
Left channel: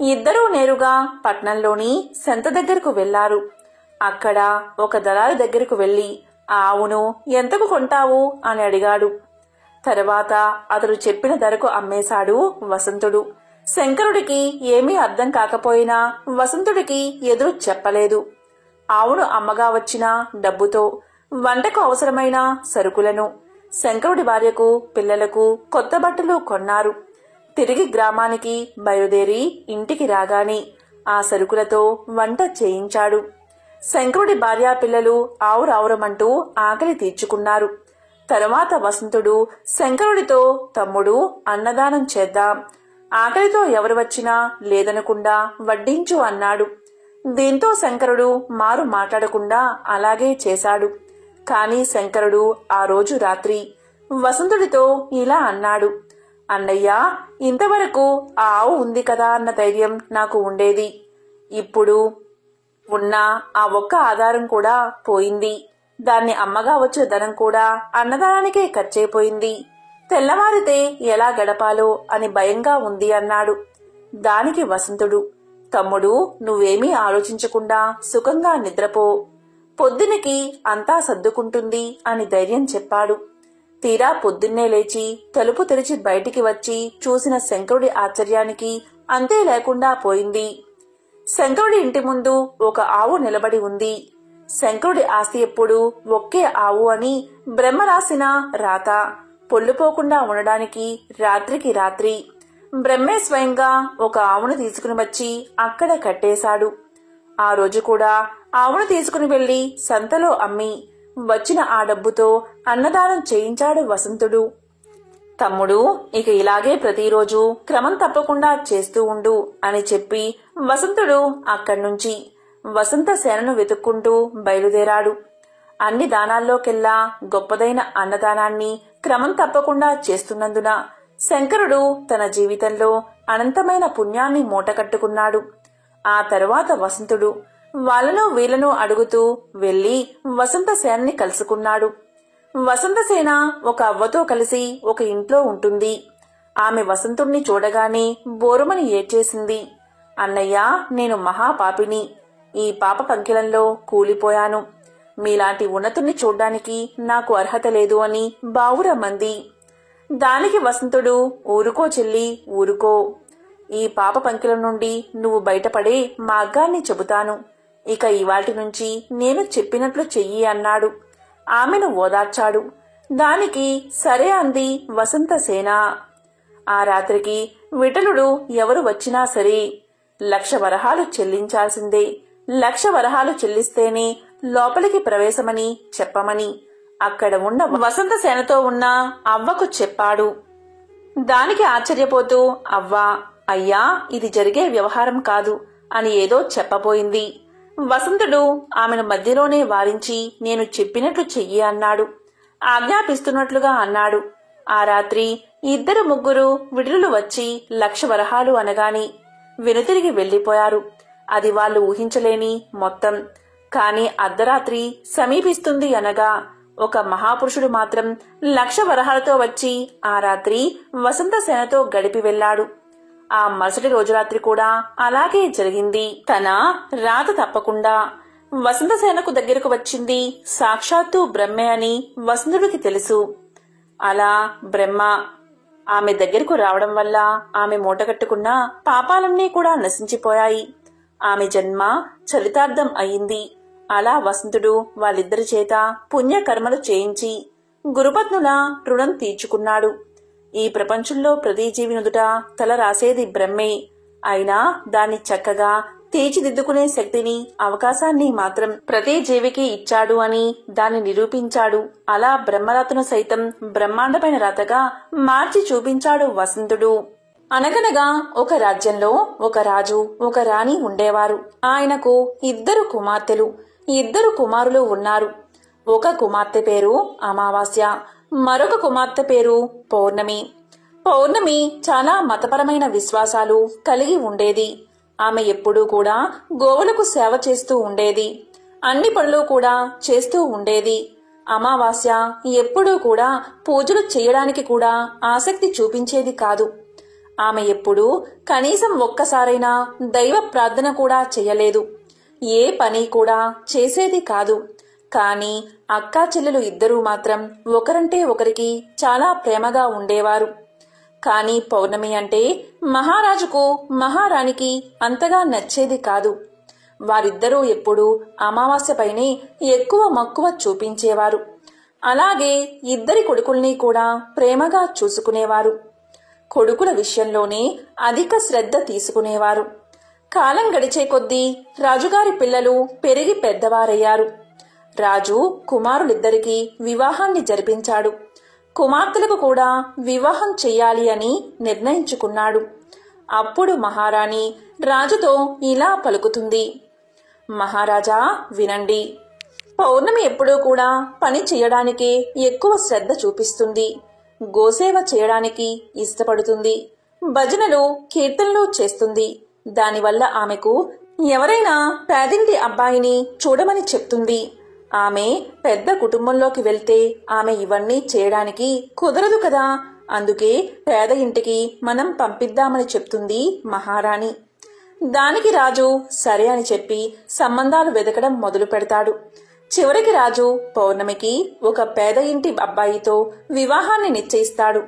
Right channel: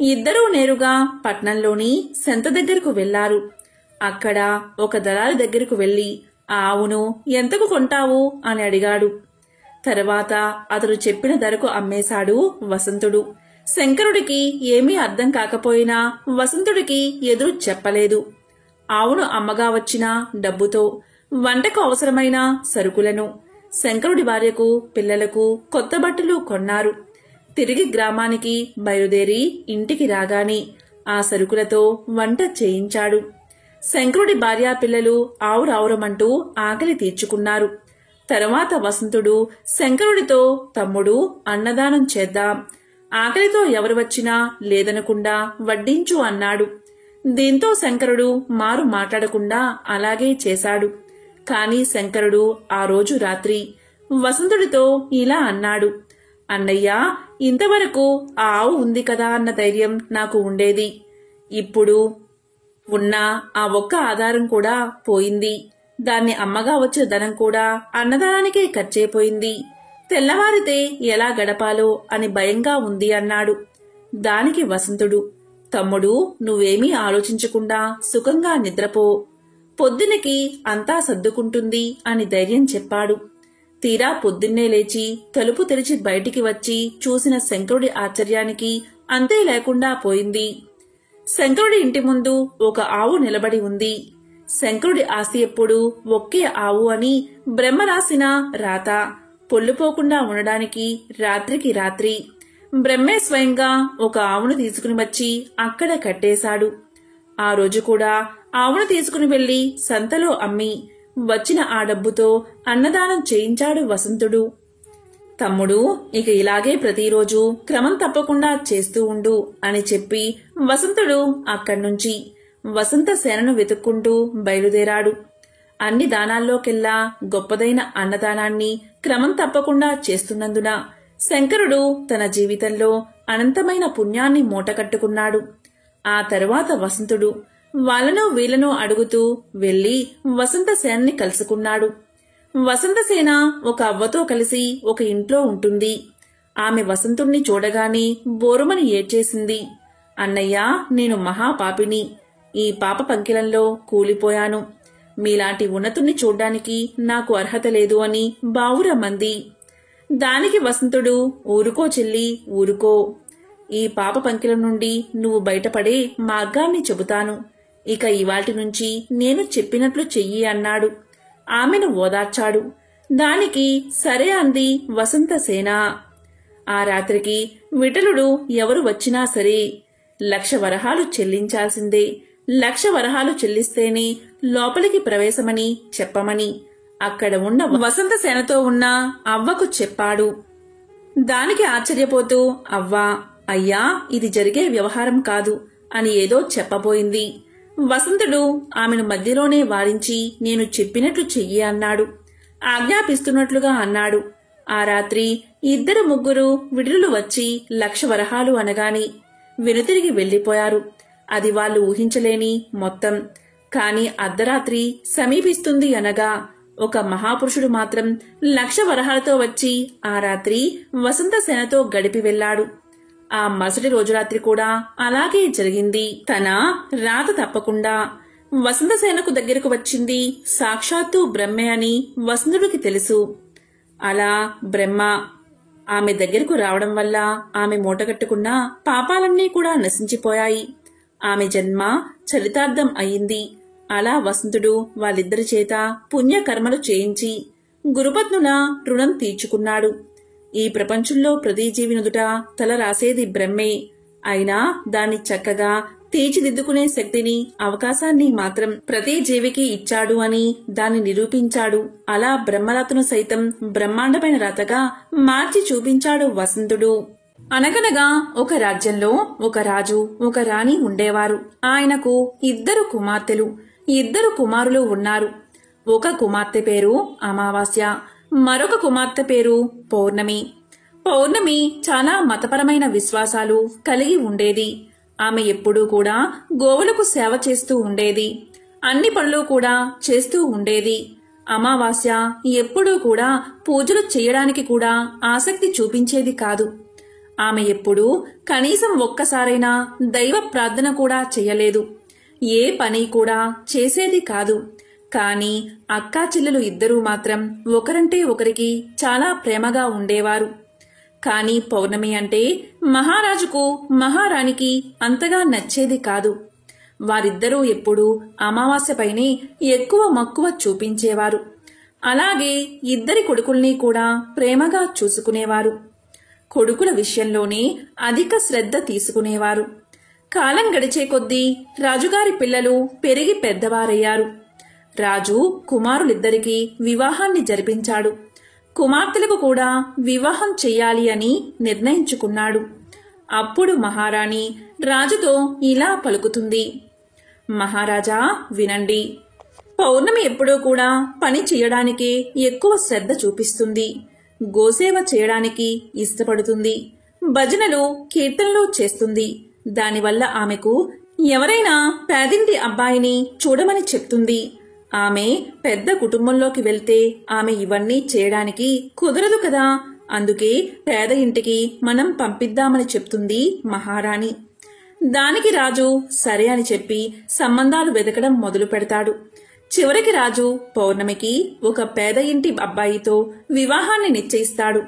ఇద్దరూ నేరుగా పట్నంలోని సంత దగ్గరకు వెళ్లారు. అక్కడ ఒక దళారి దగ్గరకు వెళ్లి ఆ ఆవును ఎంతకు కొంటావు అని అడిగాడు. తర్వాత అతడు చెప్పిన ధరకు అమ్మేశాడు వసంతుడు. శంకరుడికి ఏమీ అర్థం కాకపోయినా వసంతుడికి ఎదురు చెప్పలేదు. ఆవును అమ్మగా వచ్చిన డబ్బుతో వంటకు అవసరమైన సరుకులను, శంకరుడి భార్యకు పిల్లలకు కొత్త బట్టలు కొన్నారు. తిరిగి గ్రామానికి బయలుదేరి ఇంటికి రాగానే ఆ సరుకులతో వంట చేయించాడు. శంకరుడి భార్యా పిల్లలు ఆవురావురమంటూ ఆకలి తీర్చుకున్నారు. తరువాత వసంతుడు శంకరుడితో, తమ్ముడు, అన్నదానం చేద్దాం, ఆకలితో ఎవరు వచ్చినా లేదనకుండా వడ్డించు అన్నాడు. దీంతో శంకరుడు మారు మాట్లాడకుండా అలాగే చేశాడు. కాని శంకరుడు ఆ రోజు రాత్రి వసంతుడితో ఇలా అన్నాడు. అన్నయ్య, ఇంతవరకు ఆ ఆవు ఉంది కదా అన్న ధైర్యం నాకు ఉండేది. ఇప్పుడు ఉన్న ఆ ఒక్క ఆధారం కూడా పోయింది. దాన్ని అమ్మగా వచ్చిన ధనం కూడా అన్నదానానికే ఖర్చయిపోయింది. తెల్లవారితే ఎలా గడపాలో అని భయంగా ఉంది అన్నాడు. దానికి వసంతుడు, తమ్ముడు, నువ్వేమీ ఆలోచించకుండా సుఖంగా నిద్రపో, పొద్దునికి అంతా సర్దుకుంటుంది అని ధైర్యం చెప్పాడు. తీరా పొద్దున్నే లేచి తలుపు తెరిచి బయటికి వచ్చి చూసిన శంకరుడి ఆశ్చర్యానికి అంతే లేకుండా పోయింది. శంకరుడి ఇంటి ముందు ఒక ఆవు నిలబడి ఉంది. శంకరుడి ఆస్తి ఎప్పుడు ఒకే ఆవు అని బ్రహ్మ రాసిన రాత పొల్లుపోకుండా ఉండడానికి రాత్రికి రాత్రి బ్రహ్మే స్వయంగా ఒక ఆవును తీసుకుని వచ్చి అక్కడ కట్టేశాడు. ఆ రోజు కూడా ఆవును తీసుకుని వెళ్లి సంతలో అమ్మి వచ్చిన ఆ డబ్బుతో అన్నదానం చేయించాడు వసంతుడు. తమ్ముడు, ఇక ఇలాగే ప్రతిరోజు క్రమం తప్పకుండా చేస్తూ ఉండు అని చెప్పి వసంతుడు అక్కడ్నుంచి వసంతసేనను వెతుక్కుంటూ బయలుదేరాడు. అన్ని దానాల్లోకెల్లా గొప్పదైన అన్నదానాన్ని క్రమం తప్పకుండా చేస్తున్నందున శంకరుడు తన జీవితంలో అనంతమైన పుణ్యాన్ని మూటకట్టుకున్నాడు. ఆ తరువాత వసంతుడు వాళ్ళను వీళ్లను అడుగుతూ వెళ్లి వసంతసేనని కలుసుకున్నాడు. వసంతసేన ఒక అవ్వతో కలిసి ఒక ఇంట్లో ఉంటుంది. ఆమె వసంతుణ్ణి చూడగానే బోరుమని ఏడ్చేసింది. అన్నయ్య, నేను మహాపాపిని. ఈ పాప పంకిలంలో కూలిపోయాను. మీలాంటి ఉన్నతుణ్ణి చూడ్డానికి నాకు అర్హత లేదు అని బావురమంది. దానికి వసంతుడు, ఊరుకో చెల్లి, ఊరుకో. ఈ పాప పంకిల నుండి నువ్వు బయటపడే మార్గాన్ని చెబుతాను. ఇక ఇవాల్టి నుంచి నేను చెప్పినట్లు చెయ్యి అన్నాడు. ఆమెను ఓదార్చాడు. దానికి సరే అంది వసంతసేన. ఆ రాత్రికి విఠలుడు ఎవరు వచ్చినా సరే 1,00,000 వరహాలు చెల్లించాల్సిందే. 1,00,000 వరహాలు చెల్లిస్తేనే లోపలికి ప్రవేశమని చెప్పమని అక్కడ ఉన్న వసంతసేనతో ఉన్న అవ్వకు చెప్పాడు. దానికి ఆశ్చర్యపోతూ అవ్వా, అయ్యా, ఇది జరిగే వ్యవహారం కాదు అని ఏదో చెప్పబోయింది. వసంతుడు ఆమెను మధ్యలోనే వారించి నేను చెప్పినట్లు చెయ్యి అన్నాడు. ఆజ్ఞాపిస్తున్నట్లుగా అన్నాడు. ఆ రాత్రి 2-3 విడుదలు వచ్చి 1,00,000 వరహాలు అనగాని వెనుతిరిగి వెళ్లిపోయారు. అది వాళ్ళు ఊహించలేని మొత్తం. కాని అర్ధరాత్రి సమీపిస్తుంది అనగా ఒక మహాపురుషుడు మాత్రం 1,00,000 వరహాలతో వచ్చి ఆ రాత్రి వసంతసేనతో గడిపి వెళ్లాడు. ఆ మరుసటి రోజు రాత్రి కూడా అలాగే జరిగింది. తన రాత తప్పకుండా వసంతసేనకు దగ్గరకు వచ్చింది సాక్షాత్తు బ్రహ్మే అని వసంతుడికి తెలుసు. అలా బ్రహ్మ ఆమె దగ్గరకు రావడం వల్ల ఆమె మూటగట్టుకున్న పాపాలన్నీ కూడా నశించిపోయాయి. ఆమె జన్మ చరితార్థం అయింది. అలా వసంతుడు వాళ్ళిద్దరి చేత పుణ్యకర్మలు చేయించి గురుపత్నుల రుణం తీర్చుకున్నాడు. ఈ ప్రపంచంలో ప్రతి జీవి నుదుట తల రాసేది బ్రహ్మే. అయినా దాన్ని చక్కగా తీర్చిదిద్దుకునే శక్తిని, అవకాశాన్ని మాత్రం ప్రతి జీవికి ఇచ్చాడు అని దాన్ని నిరూపించాడు. అలా బ్రహ్మరాతను సైతం బ్రహ్మాండమైన రాతగా మార్చి చూపించాడు వసంతుడు. అనగనగా ఒక రాజ్యంలో ఒక రాజు, ఒక రాణి ఉండేవారు. ఆయనకు 2 కుమార్తెలు, 2 కుమారులు ఉన్నారు. ఒక కుమార్తె పేరు అమావాస్య, మరొక కుమార్తె పేరు పౌర్ణమి. పౌర్ణమి చాలా మతపరమైన విశ్వాసాలు కలిగి ఉండేది. ఆమె ఎప్పుడూ కూడా గోవులకు సేవ చేస్తూ ఉండేది. అన్ని పనులు కూడా చేస్తూ ఉండేది. అమావాస్య ఎప్పుడూ కూడా పూజలు చేయడానికి కూడా ఆసక్తి చూపించేది కాదు. ఆమె ఎప్పుడూ కనీసం ఒక్కసారైనా దైవ ప్రార్థన కూడా చెయ్యలేదు. ఏ పని కూడా చేసేది కాదు. కాని అక్కా చెల్లెలు 2 మాత్రం ఒకరంటే ఒకరికి చాలా ప్రేమగా ఉండేవారు. కాని పౌర్ణమి అంటే మహారాజుకు, మహారాణికి అంతగా నచ్చేది కాదు. వారిద్దరూ ఎప్పుడూ అమావాస్యపైనే ఎక్కువ మక్కువ చూపించేవారు. అలాగే 2 కొడుకుల్ని కూడా ప్రేమగా చూసుకునేవారు. కొడుకుల విషయంలోనే అధిక శ్రద్ధ తీసుకునేవారు. కాలం గడిచే కొద్దీ రాజుగారి పిల్లలు పెరిగి పెద్దవారయ్యారు. రాజు కుమారులిద్దరికీ వివాహాన్ని జరిపించాడు. కుమార్తెలకు కూడా వివాహం చెయ్యాలి అని నిర్ణయించుకున్నాడు. అప్పుడు మహారాణి రాజుతో ఇలా పలుకుతుంది. మహారాజా, వినండి. పౌర్ణమి ఎప్పుడూ కూడా పని చేయడానికే ఎక్కువ శ్రద్ధ చూపిస్తుంది. గోసేవ చేయడానికి ఇష్టపడుతుంది. భజనలు, కీర్తనలు చేస్తుంది. దానివల్ల ఆమెకు ఎవరైనా పేదింటి అబ్బాయిని చూడమని చెప్తుంది. ఆమె పెద్ద కుటుంబంలోకి వెళ్తే ఆమె ఇవన్నీ చేయడానికి కుదరదు కదా. అందుకే పేద ఇంటికి మనం పంపిద్దామని చెప్తుంది మహారాణి. దానికి రాజు సరే అని చెప్పి సంబంధాలు వెతకడం మొదలు పెడతాడు. చివరికి రాజు పౌర్ణమికి ఒక పేద ఇంటి అబ్బాయితో వివాహాన్ని నిశ్చయిస్తాడు.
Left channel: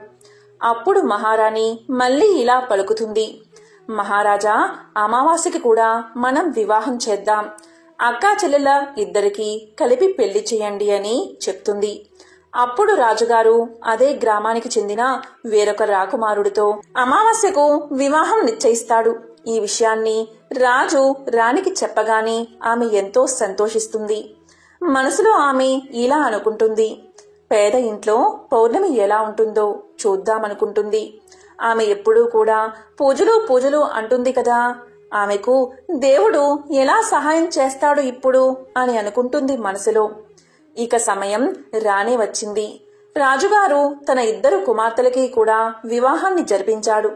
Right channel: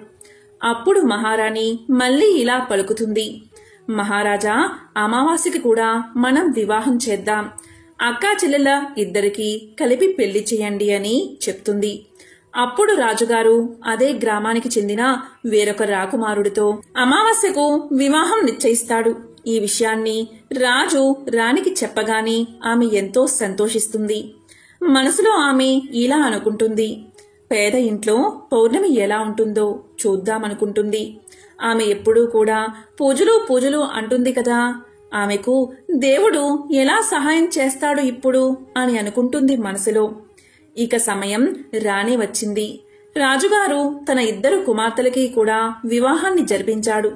అప్పుడు మహారాణి మళ్లీ ఇలా పలుకుతుంది. మహారాజా, అమావాస్యకి కూడా మనం వివాహం చేద్దాం. అక్కా చెల్లెల 2కి కలిపి పెళ్లి చేయండి అని చెప్తుంది. అప్పుడు రాజుగారు అదే గ్రామానికి చెందిన వేరొక రాకుమారుడితో అమావాస్యకు వివాహం నిశ్చయిస్తాడు. ఈ విషయాన్ని రాజు రాణికి చెప్పగానే ఆమె ఎంతో సంతోషిస్తుంది. మనసులో ఆమె ఇలా అనుకుంటుంది. పేద ఇంట్లో పౌర్ణమి ఎలా ఉంటుందో చూద్దామనుకుంటుంది. ఆమె ఎప్పుడూ కూడా పూజలు అంటుంది కదా. ఆమెకు దేవుడు ఎలా సహాయం చేస్తాడు ఇప్పుడు అని అనుకుంటుంది మనసులో. ఇక సమయం రానే వచ్చింది. రాజుగారు తన 2 కుమార్తెలకి కూడా వివాహాన్ని జరిపించాడు.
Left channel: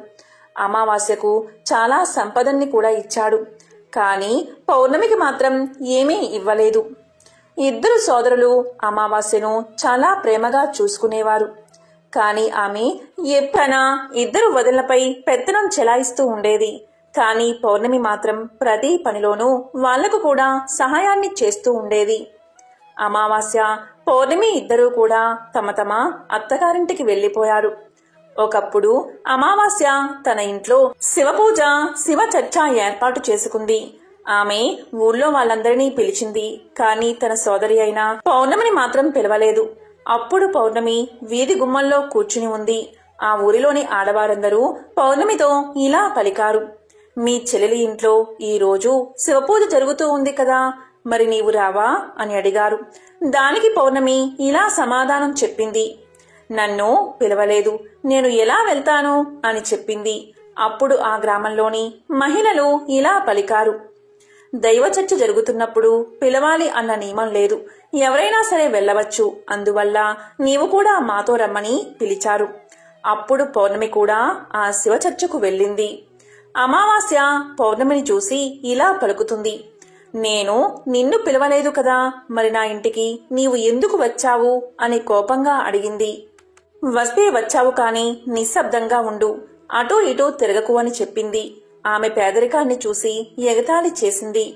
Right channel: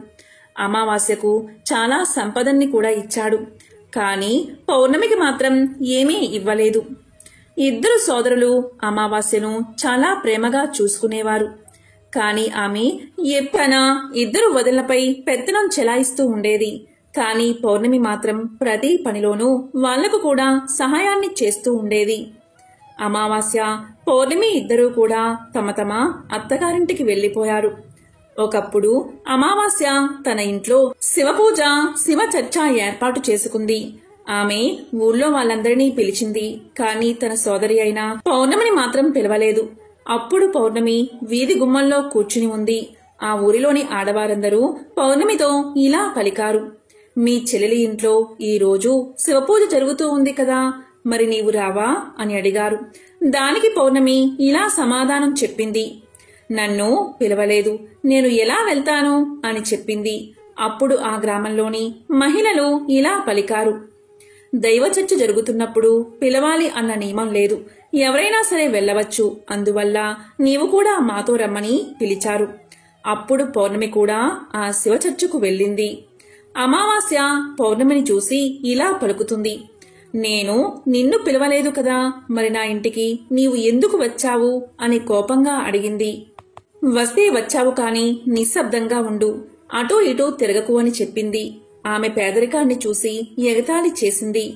అమావాస్యకు చాలా సంపదన్ని కూడా ఇచ్చాడు. కాని పౌర్ణమికి మాత్రం ఏమీ ఇవ్వలేదు. 2 సోదరులు అమావాస్యను చాలా ప్రేమగా చూసుకునేవారు. కాని ఆమె ఎప్పుడైనా 2 వదినలపై పెత్తనం చెలాయిస్తూ ఉండేది. కాని పౌర్ణమి మాత్రం ప్రతి పనిలోనూ వాళ్లకు కూడా సహాయాన్ని చేస్తూ ఉండేది. అమావాస్య, పౌర్ణమి 2 కూడా తమ తమ అత్తగారింటికి వెళ్లిపోయారు. ఒకప్పుడు అమావాస్య తన ఇంట్లో శివపూజ శివ చర్చ ఏర్పాటు చేసుకుంది. ఆమె ఊళ్ళో వాళ్ళందరినీ పిలిచింది. కాని తన సోదరి అయిన పౌర్ణమిని మాత్రం పిలవలేదు. అప్పుడు పౌర్ణమి వీధి గుమ్మంలో కూర్చుని ఉంది. ఆ ఊరిలోని ఆడవారందరూ పౌర్ణమితో ఇలా పలికారు. మీ చెల్లెలి ఇంట్లో ఈ రోజు శివపూజ జరుగుతూ ఉంది కదా, మరి నీవు రావా అని అడిగారు. దానికి పౌర్ణమి ఇలా సమాధానం చెప్పింది. నన్ను పిలవలేదు, నేను ఎలా వెళ్తాను అని చెప్పింది. అప్పుడు ఆ గ్రామంలోని మహిళలు ఇలా పలికారు. దైవ చర్చ జరుగుతున్నప్పుడు పిలవాలి అన్న నియమం లేదు. ఎవరైనా సరే వెళ్లవచ్చు. అందువల్ల నీవు కూడా మాతో రమ్మని పిలిచారు. అప్పుడు పౌర్ణమి కూడా ఆ శివ చర్చకు వెళ్ళింది. అమావాస్య పౌర్ణమిని చూసి ఇలా పలుకుతుంది. నేను నిన్ను పిలవలేదు కదా, మరి నా ఇంటికి నీవు ఎందుకు వచ్చావు అని కోపంగా అడిగింది. వస్తే వచ్చావు కాని నిశ్శబ్దంగా ఉండు, అటూ ఇటూ తిరగకు అని చెప్పింది. ఆమె పేదరికాన్ని చూసి ఎగతాళి చేసింది.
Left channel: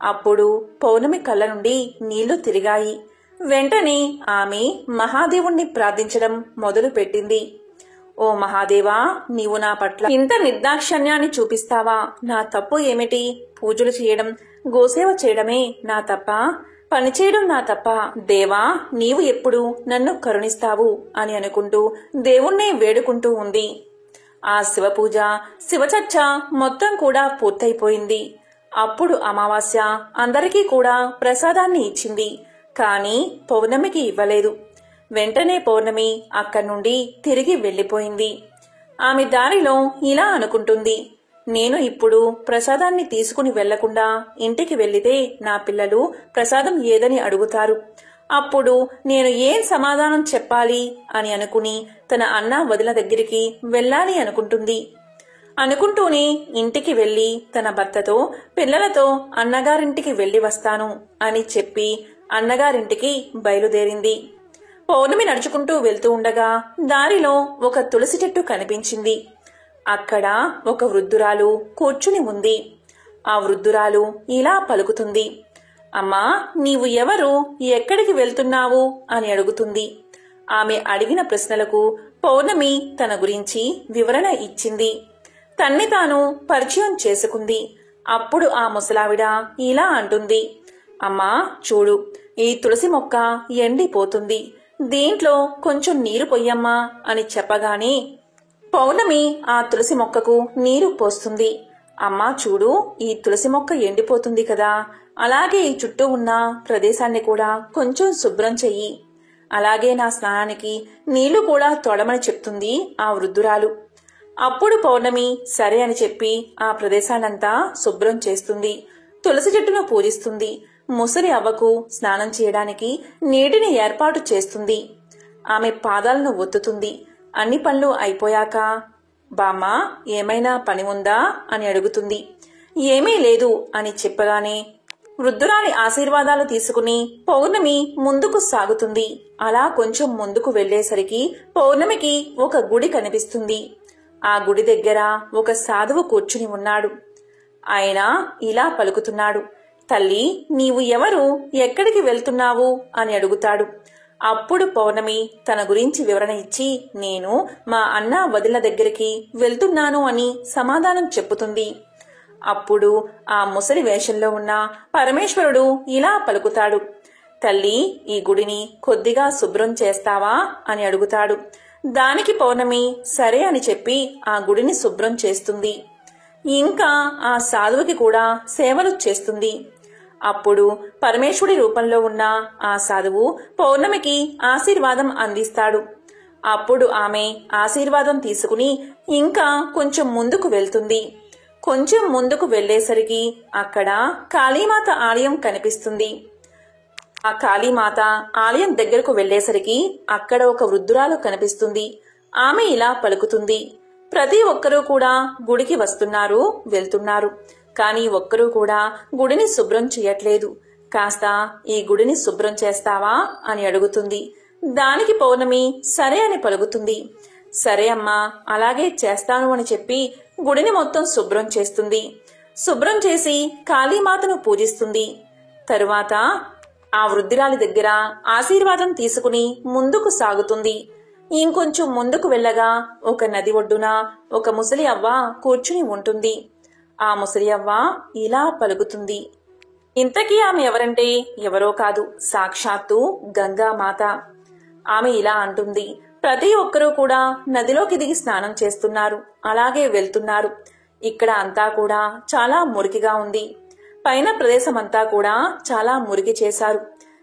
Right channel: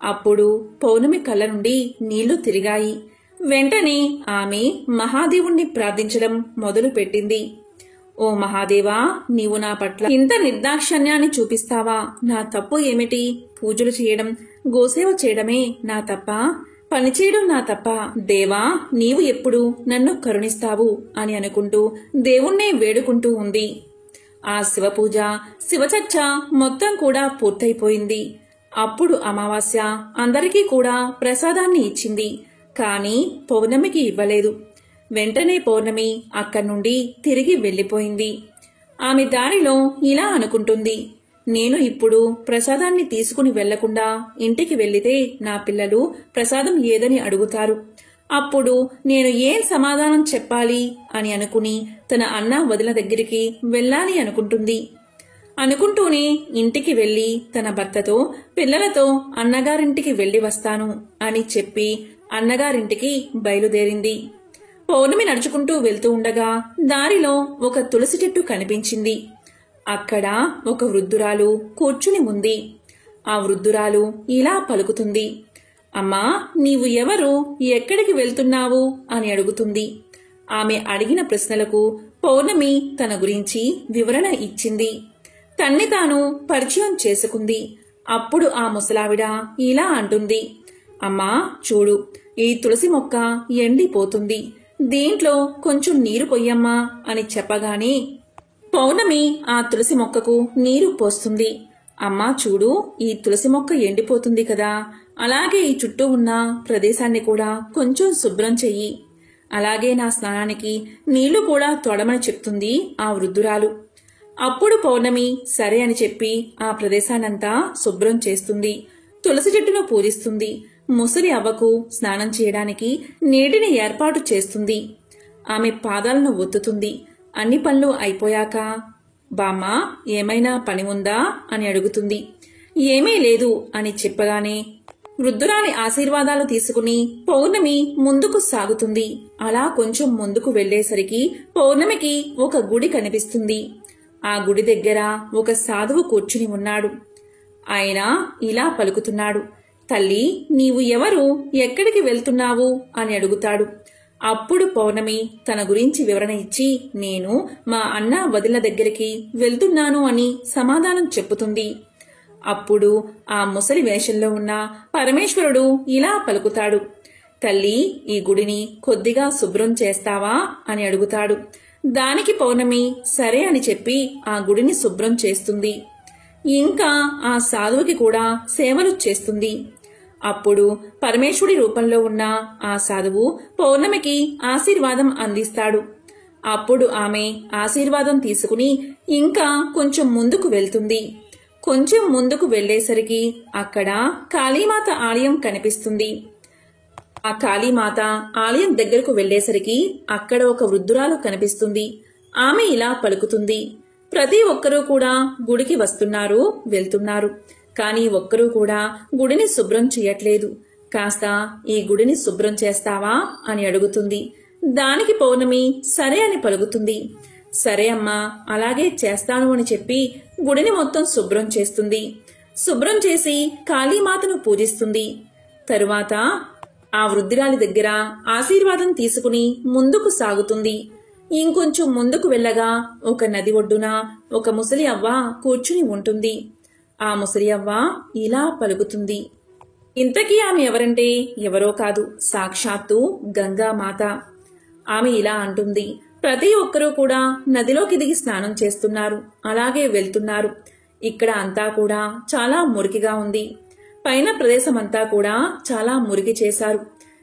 అప్పుడు పౌర్ణమి కళ్ళ నుండి నీళ్లు తిరిగాయి. వెంటనే ఆమె మహాదేవుణ్ణి ప్రార్థించడం మొదలుపెట్టింది. ఓ మహాదేవా, నీవు నా పట్ల ఇంత నిర్దాక్షిణ్యాన్ని చూపిస్తావా? నా తప్పు ఏమిటి? పూజలు చేయడం, గోసేవ చేయడమే నా తప్ప? పనిచేయడం నా తప్ప? దేవా, నీవు ఎప్పుడు నన్ను కరుణిస్తావు అని అనుకుంటూ దేవుణ్ణే వేడుకుంటూ ఉంది. ఆ శివపూజ శివచర్చ మొత్తం కూడా పూర్తయిపోయింది. అప్పుడు అమావాస్య అందరికీ కూడా ప్రసాదాన్ని ఇచ్చింది. కాని పౌర్ణమికి ఇవ్వలేదు. వెంటనే పౌర్ణమి అక్కడి నుండి తిరిగి వెళ్లిపోయింది. ఆమె దారిలో ఇలా అనుకుంటుంది. నేను ఇప్పుడు ప్రసాదాన్ని తీసుకుని వెళ్లకుండా ఇంటికి వెళ్లితే నా పిల్లలు ప్రసాదం ఏదని అడుగుతారు. అప్పుడు నేను ఏం సమాధానం చెప్పాలి అని అనుకుని తన అన్న వదిన దగ్గరికి వెళ్లాలి అనుకుంటుంది. అనుకుంటూనే ఇంటికి వెళ్లి తన భర్తతో పిల్లలతో అన్నగారింటికి వెళ్లి వస్తాను అని చెప్పి అన్నగారింటికి బయలుదేరింది. పౌర్ణమి నడుచుకుంటూ వెళ్తూ ఉండగా దారిలో ఒక తులసి చెట్టు కనిపించింది. అక్కడ ఒక వృద్ధురాలు కూర్చుని ఉంది. ఆ వృద్ధురాలు ఇలా పలుకుతుంది. అమ్మా, నీవు ఎవరు? ఎక్కడికి వెళ్తున్నావు అని అడుగుతుంది. ఆమె అడిగిన ప్రశ్నలకు పౌర్ణమి తన గురించి వివరణ ఇచ్చింది. తన్ని తాను పరిచయం చేసుకుంది. అప్పుడు ఆ ముసలావిడ ఇలా అంటుంది. అమ్మా చూడు, ఈ తులసి మొక్క ఎండిపోతుంది. దీంట్లో కొంచెం నీరు పొయ్యమ్మా అని చెప్పగానే పౌర్ణమి ఆ తులసి మొక్కకు నీరు పోస్తుంది. అమ్మా చూడు, ఈ తులసి మొక్క ఎండిపోతుంది కదా, అలాగే ఈ చుట్టూ ఉన్న ప్రదేశాన్ని కూడా కొంచెం శుభ్రం చెయ్యి. అలాగే నా స్నానానికి నీళ్లు కూడా తోడమని చెప్తుంది ఆ వృద్ధురాలు. అప్పుడు పౌర్ణమి సరే అని చెప్పి ఆ ప్రదేశాన్నంతా శుభ్రం చేస్తుంది. తులసి చెట్టును పూజిస్తుంది. ముసలి అవ్వకు స్నానం చేయడానికి నీటిని ఏర్పాటు చేస్తుంది. ఆమె పాదాలను ఒత్తుతుంది. అన్ని పనులు అయిపోయాక బామ్మ, ఏమైనా పని ఉందా అని అడుగుతుంది. ఏమీ లేదు అని చెప్పగానే వృద్ధురాలి ఆశీర్వాదాలు తీసుకుని పౌర్ణమి ముందుకు సాగుతుంది. అలా కొంచెం ముందుకు వెళ్లేసరికి పౌర్ణమికి ఒక గుడి కనిపిస్తుంది. ఆ గుడి దగ్గర ఒక సాధువు కూర్చుని ఉన్నాడు. ఆయన ఇలా పలుకుతున్నాడు. తల్లి, నీవు ఎవరు? ఎక్కడికి వెళ్తున్నావు అని అడుగుతాడు. అప్పుడు పౌర్ణమి తన గురించి వివరణ ఇచ్చి నేను మా అన్న వదిన దగ్గరికి వెళ్తున్నాను అని సమాధానం చెప్పుతుంది. అప్పుడు ఆ ముసలి వేషంలో ఉన్న పరమేశ్వరుడు ఇలా పలుకుతాడు. తల్లి, ఈ గుడిని కొద్దిగా శుభ్రం చేస్తావా అని అడుగుతాడు. దానికి పౌర్ణమి సరే అని చెప్పి ఆ గుడిని శుభ్రం చేస్తుంది. ఇంకా ఆ సాధువుకి కూడా సేవలు చేస్తుంది. అప్పుడు పరమేశ్వరుడి రూపంలో ఉన్న ఆ సాధువు పౌర్ణమికి ఆశీర్వాదం అందిస్తాడు. అప్పుడు ఆమె ఆశీర్వాదం తీసుకుని ఇంకా కొంచెం ముందుకు వెళ్తుంది. కొంచెం ముందుకు వెళ్లేసరికి అక్కడ కాళీమాత ఆలయం కనిపిస్తుంది. ఆ కాళీమాత ఆలయం దగ్గరకు వెళ్లేసరికి అక్కడ ఒక వృద్ధురాలు కనిపిస్తుంది. ఆమె ఇలా పలుకుతుంది. ప్రతి ఒక్కరూ కూడా గుడికి వస్తున్నారు, వెళ్తున్నారు. కాని ఒక్కరూ కూడా గుడిని శుభ్రం చేయట్లేదు. కాస్త ఈ గుడిని శుభ్రం చేస్తావా అని అడుగుతుంది. దానికి పౌర్ణమి సరే అని పలుకుతుంది. సరే అమ్మా, అలాగే చేస్తాను అని చెప్పి గుడిని మొత్తం శుభ్రం చేస్తుంది. శుభ్రం చేసి కాళీమాతను పూజిస్తుంది. తరువాత ఆ వృద్ధురాలి దగ్గర ఆశీర్వాదం తీసుకుని ముందుకు సాగుతుంది. ఇంకొంచెం ముందుకు వెళ్ళగా ఒక నది ఒడ్డున ఒక ముసలి అవ్వ కూర్చుని ఉంటుంది. ఆ ముసలి అవ్వ ఇలా పలుకుతుంది. ఇంతకీ ఆమె ఎవరంటే ఎవరో కాదు, సాక్షాత్తు గంగామాత. ఆమె ఇలా అంటుంది. ప్రతి ఒక్కరూ కూడా నదిలోకి దిగి స్నానం చేస్తున్నారు, అలాగే వెళ్తున్నారు. ఇక్కడ అంతా కూడా చాలా మురికిగా ఉంది. పైన ప్రదేశమంతా కూడా చాలా మురికి చేశారు.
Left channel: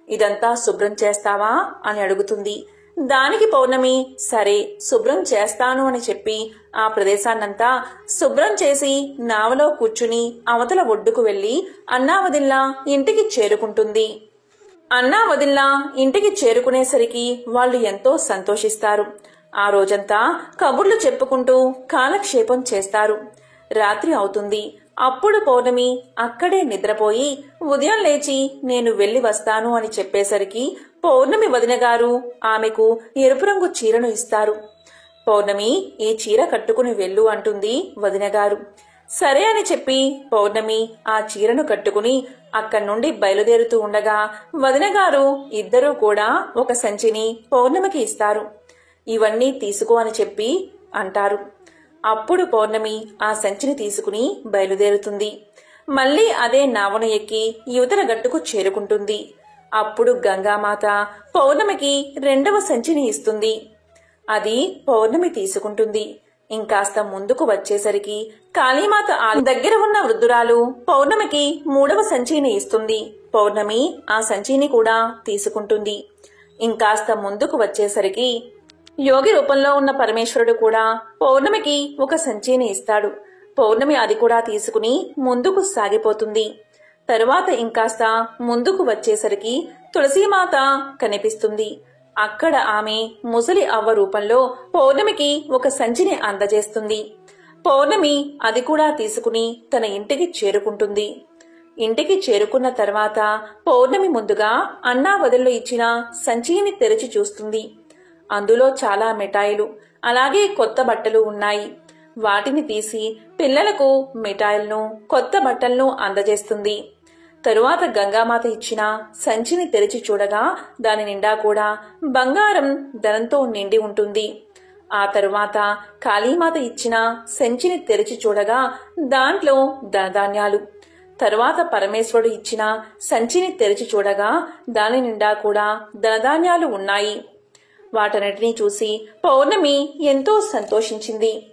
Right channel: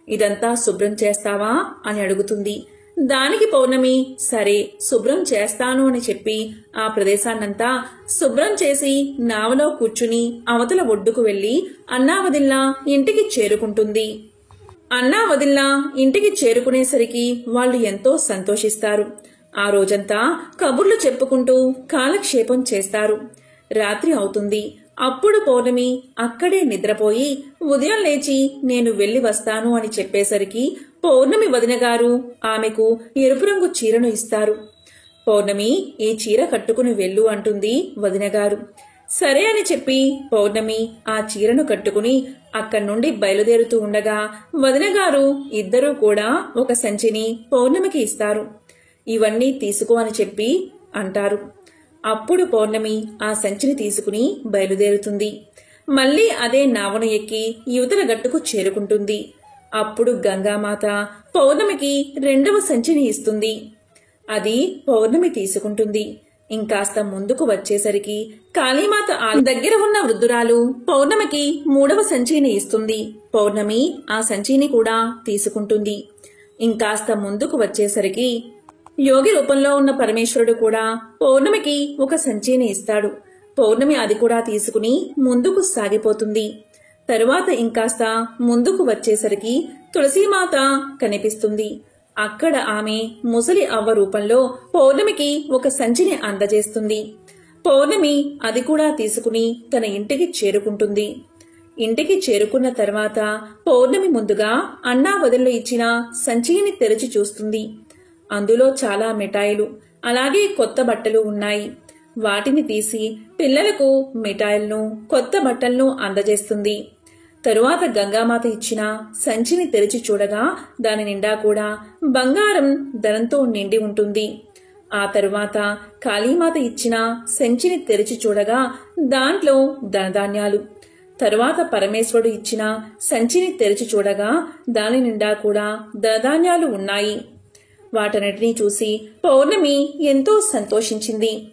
ఇదంతా శుభ్రం చేస్తావా అని అడుగుతుంది. దానికి పౌర్ణమి సరే శుభ్రం చేస్తాను అని చెప్పి ఆ ప్రదేశాన్నంతా శుభ్రం చేసి నావలో కూర్చుని అవతల ఒడ్డుకు వెళ్లి అన్నావదిల్లా ఇంటికి చేరుకుంటుంది. అన్నావదిల్లా ఇంటికి చేరుకునేసరికి వాళ్ళు ఎంతో సంతోషిస్తారు. ఆ రోజంతా కబుర్లు చెప్పుకుంటూ కాలక్షేపం చేస్తారు. రాత్రి అవుతుంది. అప్పుడు పౌర్ణమి అక్కడే నిద్రపోయి ఉదయం లేచి నేను వెళ్లి వస్తాను అని చెప్పేసరికి పౌర్ణమి వదిన గారు ఆమెకు ఎరుపు రంగు చీరను ఇస్తారు. పౌర్ణమి ఈ చీర కట్టుకుని వెళ్ళు అంటుంది వదినగారు. సరే అని చెప్పి పౌర్ణమి ఆ చీరను కట్టుకుని అక్కడి నుండి బయలుదేరుతూ ఉండగా వదినగారు ఇద్దరూ కూడా ఒక సంచిని పౌర్ణమికి ఇస్తారు. ఇవన్నీ తీసుకో అని చెప్పి అంటారు. అప్పుడు పౌర్ణమి ఆ సంచిని తీసుకుని బయలుదేరుతుంది. మళ్లీ అదే నావను ఎక్కి యువతల గట్టుకు చేరుకుంటుంది. అప్పుడు గంగామాత పౌర్ణమికి రెండవ సంచిని ఇస్తుంది. అది పౌర్ణమి తీసుకుంటుంది. ఇంకాస్త ముందుకు వచ్చేసరికి కాళీమాత దగ్గర ఉన్న వృద్ధురాలు పౌర్ణమికి మూడవ సంచిని ఇస్తుంది. పౌర్ణమి ఆ సంచిని కూడా తీసుకుంటుంది. ఇంకాస్త ముందుకు వచ్చేసరికి యోగి రూపంలో ఉన్న పరమేశ్వరుడు కూడా పౌర్ణమికి ఒక సంచిని ఇస్తాడు. పౌర్ణమి అది కూడా తీసుకుని ముందుకు సాగిపోతుంది. తరువాత ఇంకాస్త ముందుకు వచ్చేసరికి తులసీమాత కనిపిస్తుంది. అక్కడ ఆమె ముసలి అవ్వ రూపంలో పౌర్ణమికి ఒక సంచిని అందజేస్తుంది. పౌర్ణమి అది కూడా తీసుకుని తన ఇంటికి చేరుకుంటుంది. ఇంటికి చేరుకున్న తర్వాత పౌర్ణమి ముందుగా అన్నా వదిల్లో ఇచ్చిన సంచిని తెరిచి చూస్తుంది. అందులో చాలా మిఠాయిలు అలాగే కొత్త బట్టలు ఉన్నాయి. వాటిని తీసి పిల్లలకు మిఠాయిలను కొత్త బట్టలను అందజేస్తుంది. తరువాత గంగామాత ఇచ్చిన సంచిని తెరిచి చూడగా దాని నిండా కూడా బంగారం ధనంతో నిండి ఉంటుంది. ఆ తరువాత కాళీమాత ఇచ్చిన సంచిని తెరిచి చూడగా దాంట్లో ధనధాన్యాలు. తరువాత పరమేశ్వరుడు ఇచ్చిన సంచిని తెరిచి చూడగా దాని నిండా కూడా ధనధాన్యాలు ఉన్నాయి. వాటన్నిటినీ చూసి పౌర్ణమి ఎంతో సంతోషించింది.